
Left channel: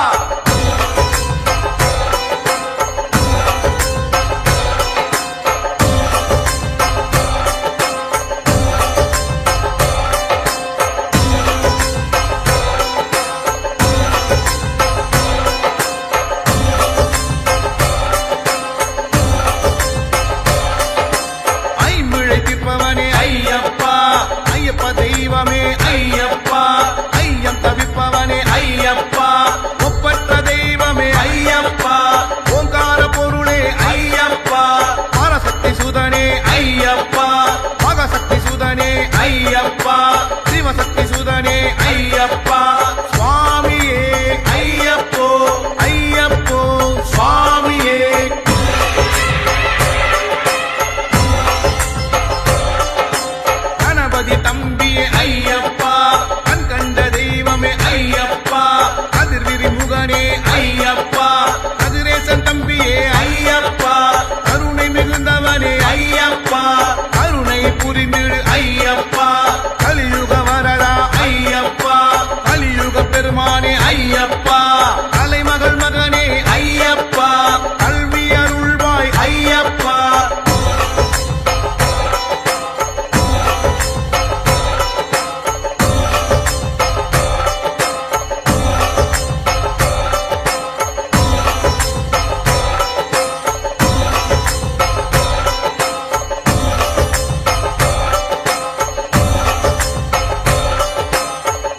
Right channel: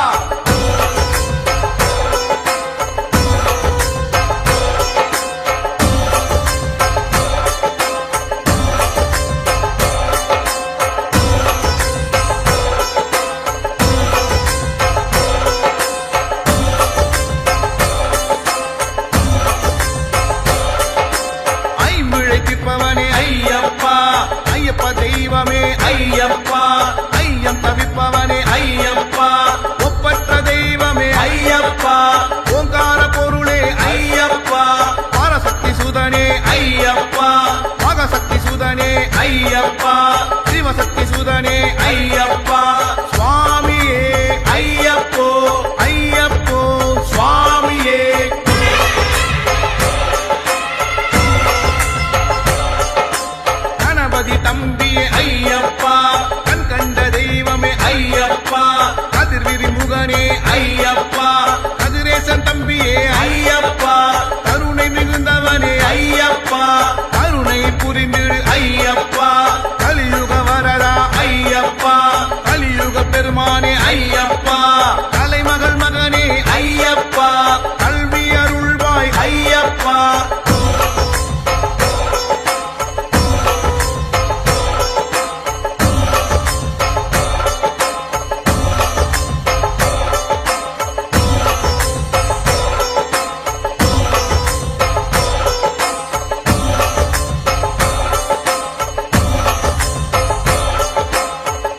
ஐமிழை தீர்ப்பவனே ஐயப்பா ஐயப்ப தெய்வமே ஐயப்பா ஐயம் தவிப்பவனே ஐயப்பா ஒப்பற்ற தெய்வமே ஐயப்பா ஓங்கார பொருளே ஐயப்பா பரசக்தி சுதனே ஐயப்பா மகசக்தி சுதனே ஐயப்பா சிவசக்தி சுதனே ஐயப்பா சுவாமியே ஐயப்போ ஐயப்போ சுவாமியே கணபதி தம்பியே ஐயப்பா கண் கண்ட தெய்வமே ஐயப்பா கதிர்விரி முகனே ஐயப்பா கதிரேசன் தம்பியே ஐயப்பா கருணை மிகுந்தவனே ஐயப்பா கருணை புரிந்திடு ஐயப்பா கலியுக வரதா ஐயப்பா கலியுக பெருமானே ஐயப்பா கலைமகள் மகனே ஐயப்பா கல்வி அருள்வாய் ஐயப்பா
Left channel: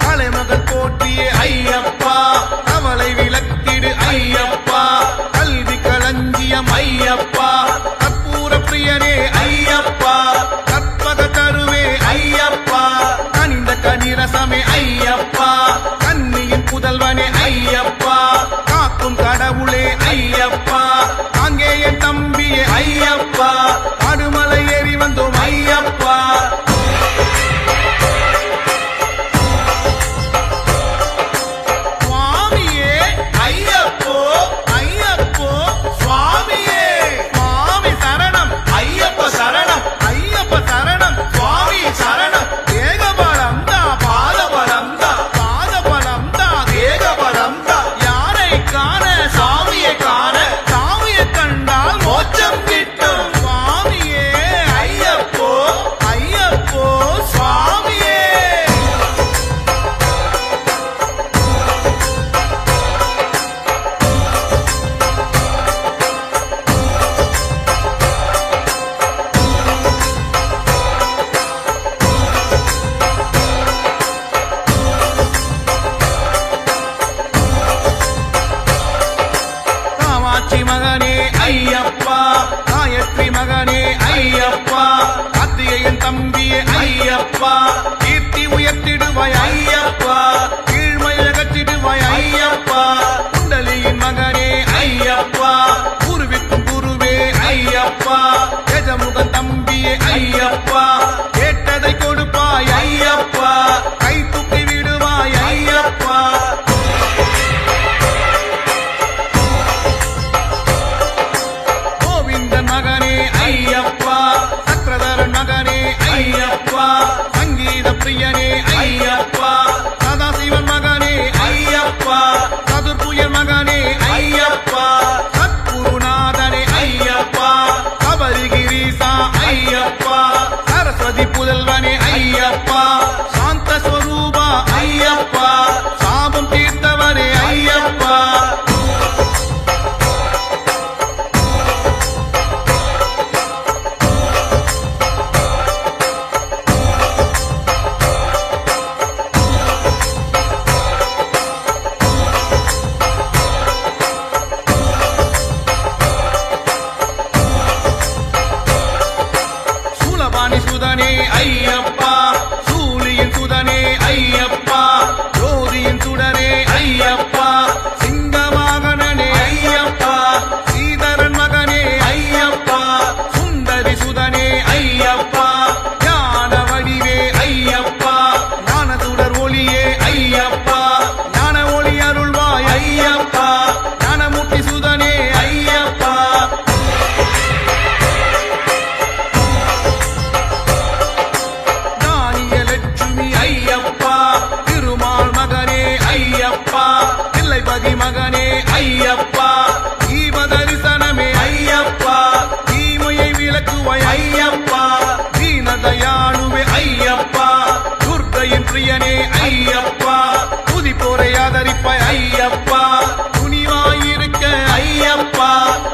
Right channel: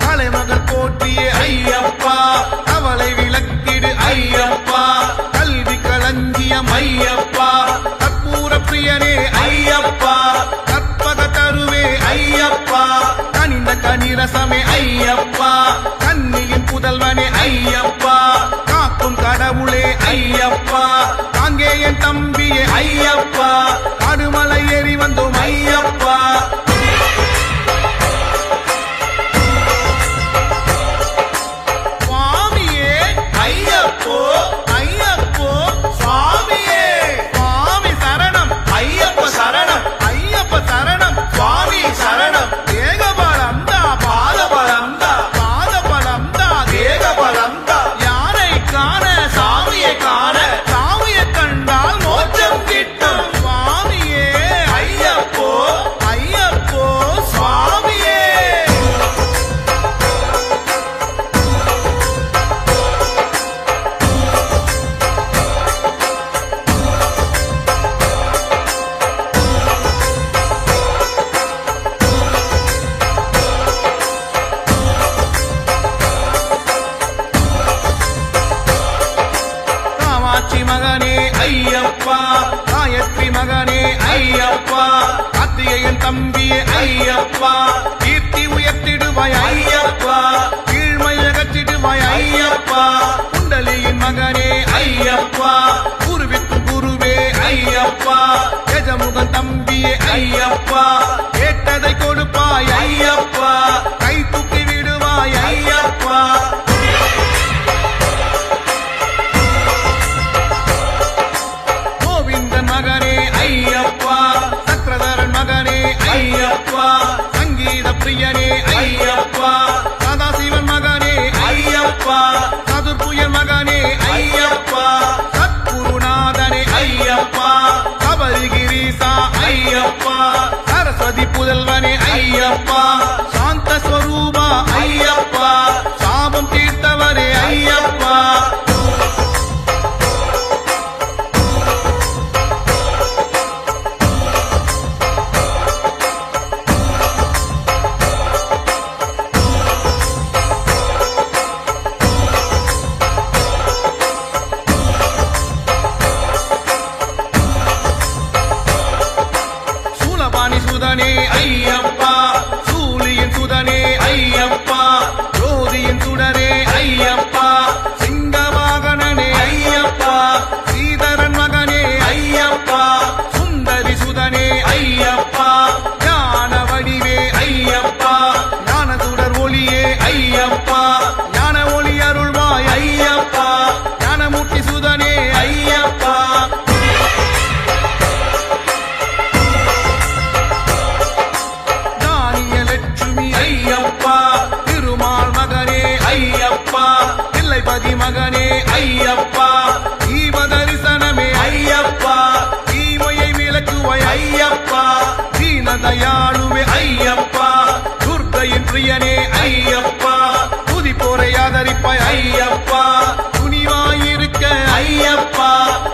கலைமகள் போற்றியே ஐயப்பா கவலை விளக்கிடு ஐயப்பா கல்வி களஞ்சியம் ஐயப்பா கற்பூர பிரியனே ஐயப்பா கற்பக தருவே ஐயப்பா கனிந்த கனிரசமே ஐயப்பா கன்னியின் புதல்வனே ஐயப்பா காக்கும் கடவுளே ஐயப்பா அங்கே என் தம்பியே ஐயப்பா காடுமலை ஏறி வந்தோம் ஐயப்பா சுவாமியே ஐயப்போ ஐயப்போ சுவாமியே சுவாமி சரணம் ஐயப்ப சரணம் ஐயப்ப சரணம் சுவாமி சரணம் தேகபலம் தா பாதபலம் தா பாதபலம் தா தேகபலம் தா யாரை காண சாமியை காண சாமியை கண்டால் மோட்சம் கிட்டும் சுவாமியே ஐயப்போ ஐயப்போ சுவாமியே காமாட்சி மகனே ஐயப்பா, காயத்ரி மகனே ஐயப்பா, கார்த்திகேயன் தம்பியே ஐயப்பா, கீர்த்தி உயர்த்திடுவாய் ஐயப்பா, கீழ்மை அகற்றிடுவாய் ஐயப்பா, குண்டலியின் மகனே ஐயப்பா, குருவிக்கும் குருவே ஐயப்பா, கஜமுகன் தம்பியே ஐயப்பா, கேட்டதை கொடுப்பாய் ஐயப்பா, கை தூக்கி விடுவாய் ஐயப்பா. கோவிந்தன் மகனே ஐயப்பா, சக்கரதரன் மகனே ஐயப்பா, சங்கீத பிரியனே ஐயப்பா, சதாசிவன் மகனே ஐயப்பா, சதுர்புயன் மகனே ஐயப்பா, சத்குருநாதனே ஐயப்பா, கபரிகிரீசா ஐயப்பா, சரஸ்வதி புதல்வனே ஐயப்பா, சாந்த ஸ்வரூபா ஐயப்பா, சாபம் தீர்த்தவரே ஐயப்பா. சூலபாணி சுதனே ஐயப்பா, சூலியின் சுதனே ஐயப்பா, ஜோதியின் சுடரே ஐயப்பா, சிங்கவாகனனே ஐயப்பா, சீதரன் மகனே ஐயப்பா, சுந்தரி சுதனே ஐயப்பா, ஞான வடிவே ஐயப்பா, ஞான சுடர் ஒளியே ஐயப்பா, ஞான ஒளி அருள்வாய் ஐயப்பா, ஞானமூர்த்தி சுதனே ஐயப்பா. லட்சுமி ஐயப்பா, திருமால் மகனே ஐயப்பா, பிள்ளைபதி மகனே ஐயப்பா, தீப தரிசனமே ஐயப்பா, தீமையை விளக்குவாய் ஐயப்பா, தீனதயாளுவே ஐயப்பா, துர்க்கையின் பிரியனே ஐயப்பா, துதிப்போரை ஆதரிப்பாய் ஐயப்பா, துணிவாயிருக்க ஐயப்பா,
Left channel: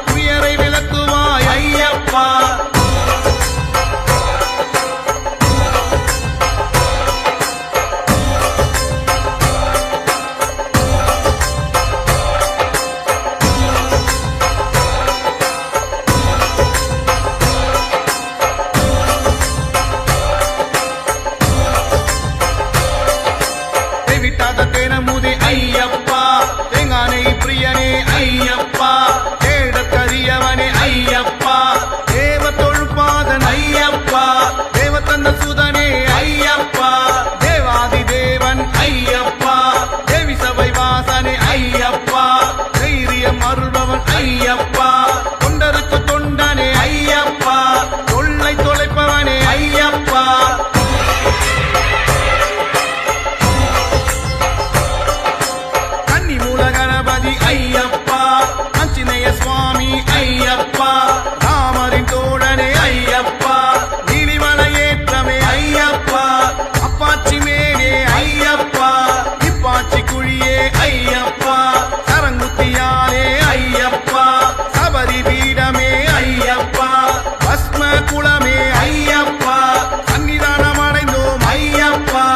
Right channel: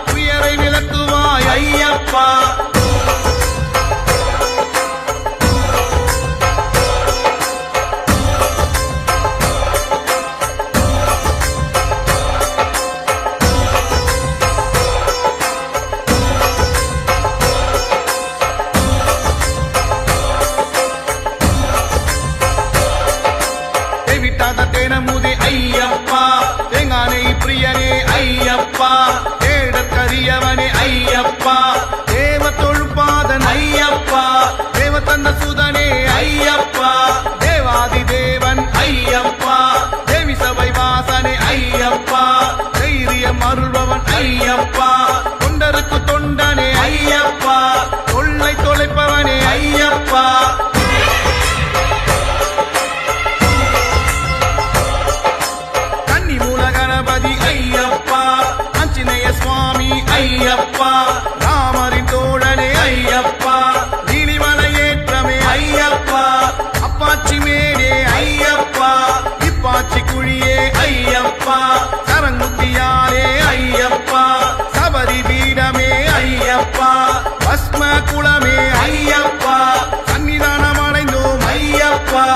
துயரை விளக்குவாய் ஐயப்பா. விட்டாத தேனமுதே ஐயப்பா, தேங்கானை பிரியனே ஐயப்பா, தேடற்கரியவனே ஐயப்பா, தேவ தொழுப்பாதன் ஐயப்பா, தேவத்தந்த சுதனே ஐயப்பா, தேவாதி தேவன் ஐயப்பா, தேவி சபை வாசனே ஐயப்பா, தைரியம் அருள்பவன் ஐயப்பா, தொண்டருக்கு தொண்டனே ஐயப்பா, தொல்லை தொலைப்பவனே ஐயப்பா. மூல கணபதி ஐயப்பா, ஆஞ்சநேய சுவாமி ஐயப்பா, ராமரின் தோழனே ஐயப்பா, நீலிமலை ஏற்றமே ஐயப்பா, அப்பாச்சி மேடே ஐயப்பா, இப்பாச்சி குழியே ஐயப்பா, சரங்குத்தியாலே ஐயப்பா, சபரி பீடமே ஐயப்பா, பஸ்ம குளமே ஐயப்பா, சன்னிதானம் அடைந்தோம் ஐயப்பா.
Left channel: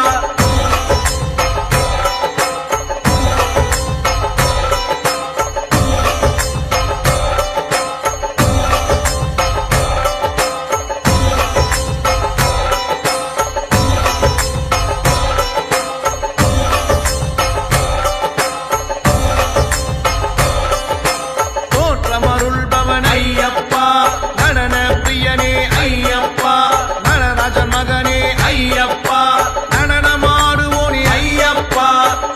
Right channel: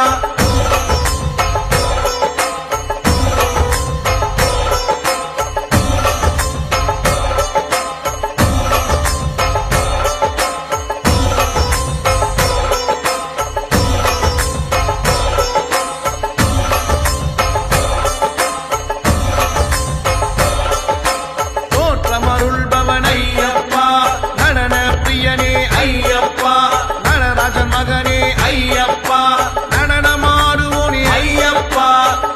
அருள்பவன் ஐயப்பா, நடன பிரியனே ஐயப்பா, நடராஜன் மகனே ஐயப்பா, நடனமாடுவோனே ஐயப்பா,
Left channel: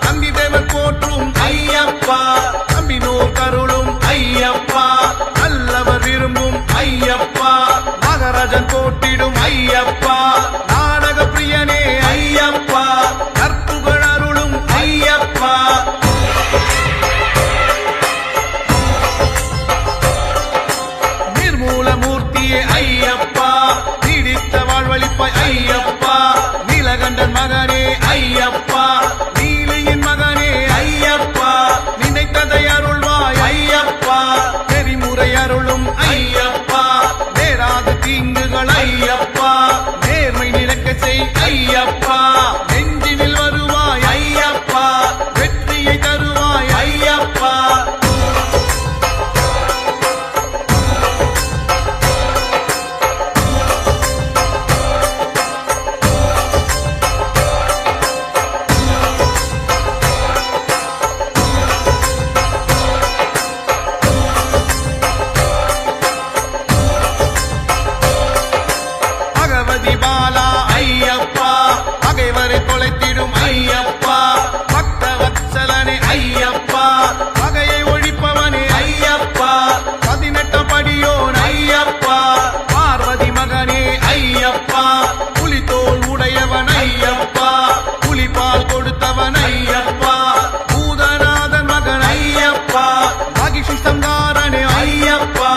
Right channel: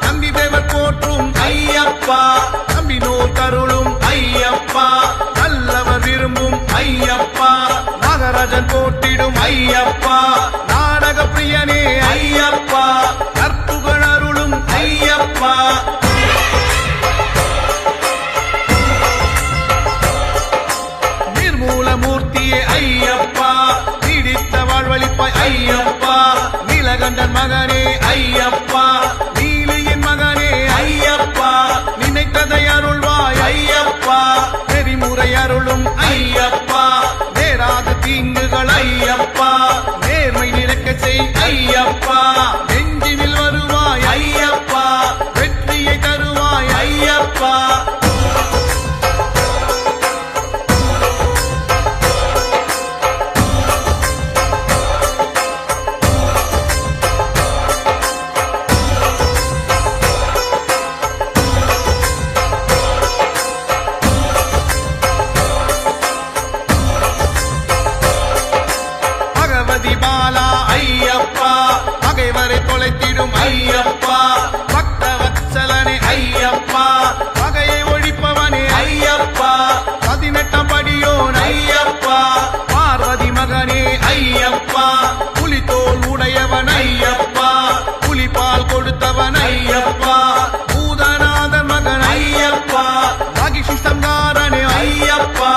நம்பி தேவர் போற்றும் ஐயப்பா, நம்பினோர் கருளும் ஐயப்பா, நல்லவர் விரும்பும் ஐயப்பா, நாகராஜன் போட்டிடும் ஐயப்பா, நாடக பிரியனே ஐயப்பா, கற்புகள் அருளும் ஐயப்பா. மூலமூர்த்தியே ஐயப்பா, நீடித்த வாழ்வழிப்பாய் ஐயப்பா, நீலகண்டன் மகனே ஐயப்பா, நீலியின் மகனே ஐயப்பா, நினைத்ததை அருள்வாய் ஐயப்பா, நெறிமுறை அருளும் ஐயப்பா, நேராது தீங்குகள் ஐயப்பா, நேர்மை நிலைக்க செய் ஐயப்பா, நெஞ்சினில் வருவாய் ஐயப்பா, வெற்றியை தருவாய் ஐயப்பா. கணபதி பாலா ஐயப்பா பகைவரை தொலைத்திடும் ஐயப்பா பக்த வத்சலனே ஐயப்பா பகையை ஒழிப்பவனே ஐயப்பா 18ஆம் படியோன் ஐயப்பா பார்வதி மகனே ஐயப்பா புலித்தோல் உடையவன் ஐயப்பா புலிபால் கொடுத்தவன் ஐயப்பா பூதநாதன் மகன் ஐயப்பா மகிஷி சங்காரனே ஐயப்பா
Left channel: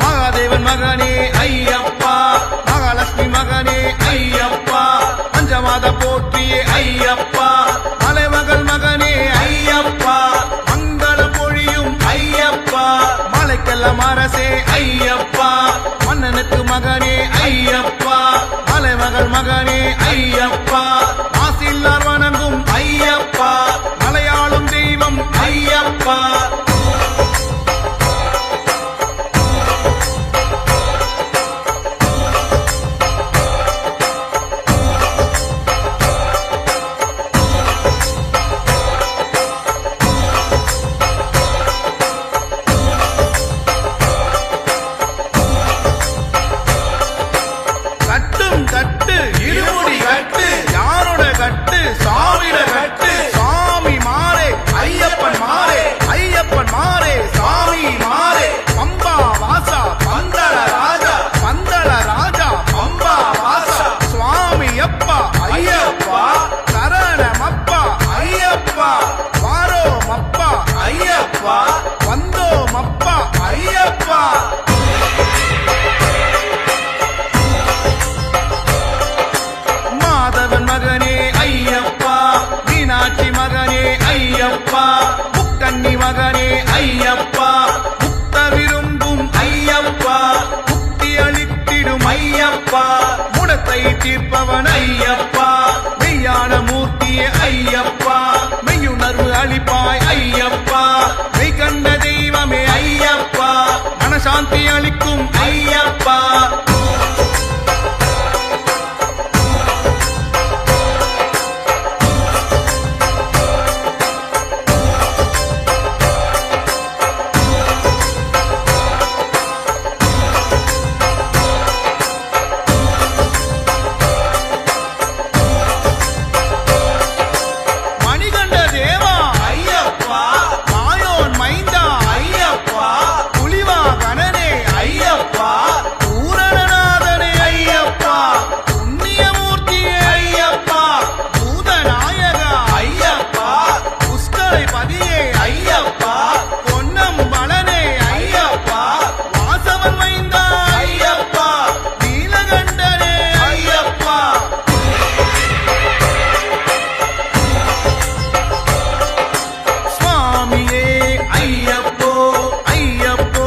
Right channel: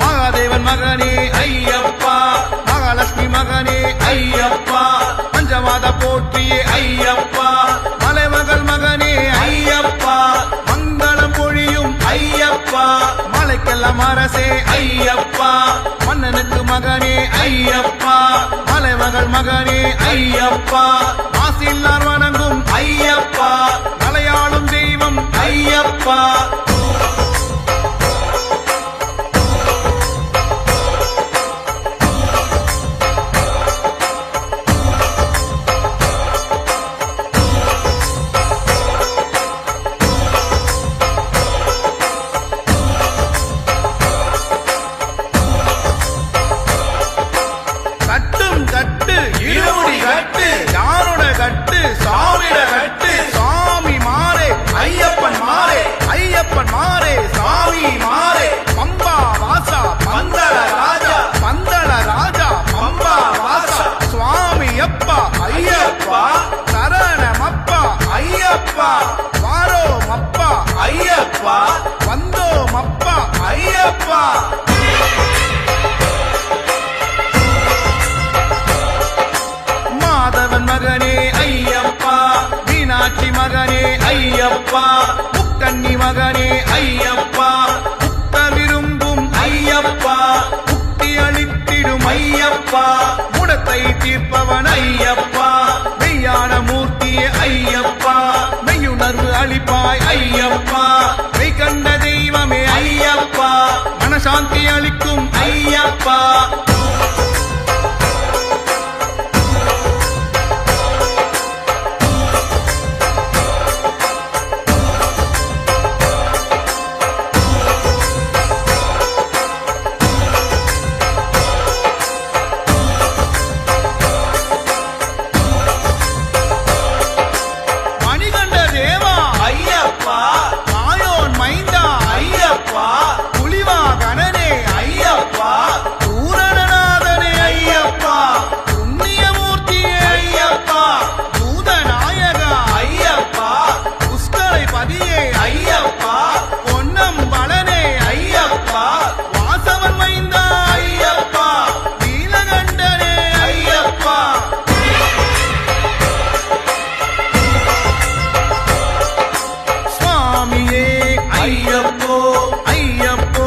மகாதேவன் மகனே ஐயப்பா மகாலட்சுமி மகனே ஐயப்பா பஞ்சமாத போற்றியே ஐயப்பா மலைமகள் மகனே ஐயப்பா மங்களம் பொழியும் ஐயப்பா மலைக்கெல்லாம் அரசே ஐயப்பா மன்னனுக்கு மகனே ஐயப்பா மலைமகள் மகனே ஐயப்பா மாசில்லார் வணங்கும் ஐயப்பா மலையாளும் தெய்வம் ஐயப்பா கட்டும் கட்டு இருமுடி கட்டு யாரோட கட்டு சாமிட கட்டு சாமி மாறே ஐயப்பன் மாறே ஐயப்பன் மாறே சாமி மாறே பம்பா வாசா பந்தள ராஜா பந்தள ராஜா பம்பா வாசா சுவாமி அப்பா ஐயப்பா சரணமப்பா ஐயப்பா வாரோமப்பா ஐயப்பா வந்தோமப்பா ஐயப்பா மாதவன் மகனே ஐயப்பா மீனாட்சி மகனே ஐயப்பா முக்கண்ணி மகனே ஐயப்பா முக்த விரும்பும் ஐயப்பா முக்தி அளித்திடும் ஐயப்பா முடத்தை தீர்ப்பவன் ஐயப்பா மெய்யான மூர்த்தியே ஐயப்பா மெய்யுணர்வு அளிப்பாய் ஐயப்பா மெய் கண்ட தெய்வமே ஐயப்பா மனசாந்தி அளிக்கும் ஐயப்பா மணிகண்ட தேவா ஐயப்பா மாயோன் மைந்தா ஐயப்பா புலிவாகனனே ஐயப்பா பூரணநாதனே ஐயப்பா புண்ணியமூர்த்தியே ஐயப்பா பூதநாயகா ஐயப்பா புஷ்கரை பதியே ஐயப்பா பொன்னம்பலனே ஐயப்பா வாசவன் மைந்தா ஐயப்பா நீலகண்டனே ஐயப்பா சுவாமியே ஐயப்போ ஐயப்போ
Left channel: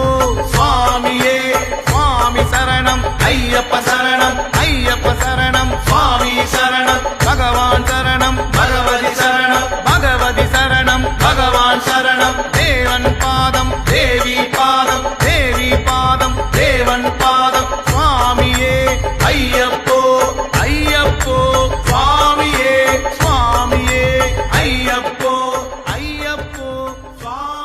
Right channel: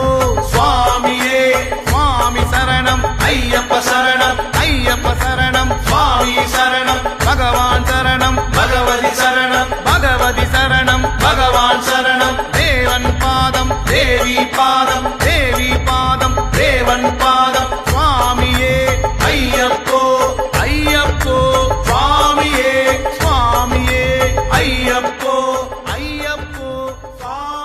சுவாமியே சுவாமி சரணம் ஐயப்ப சரணம் ஐயப்ப சரணம் சுவாமி சரணம் பகவான் சரணம் பகவதி சரணம் பகவதி சரணம் பகவான் சரணம் தேவன் பாதம் தேவி பாதம் தேவி பாதம் தேவன் பாதம் சுவாமியே ஐயப்போ ஐயப்போ சுவாமியே சுவாமியே ஐயப்போ ஐயப்போ சுவாமி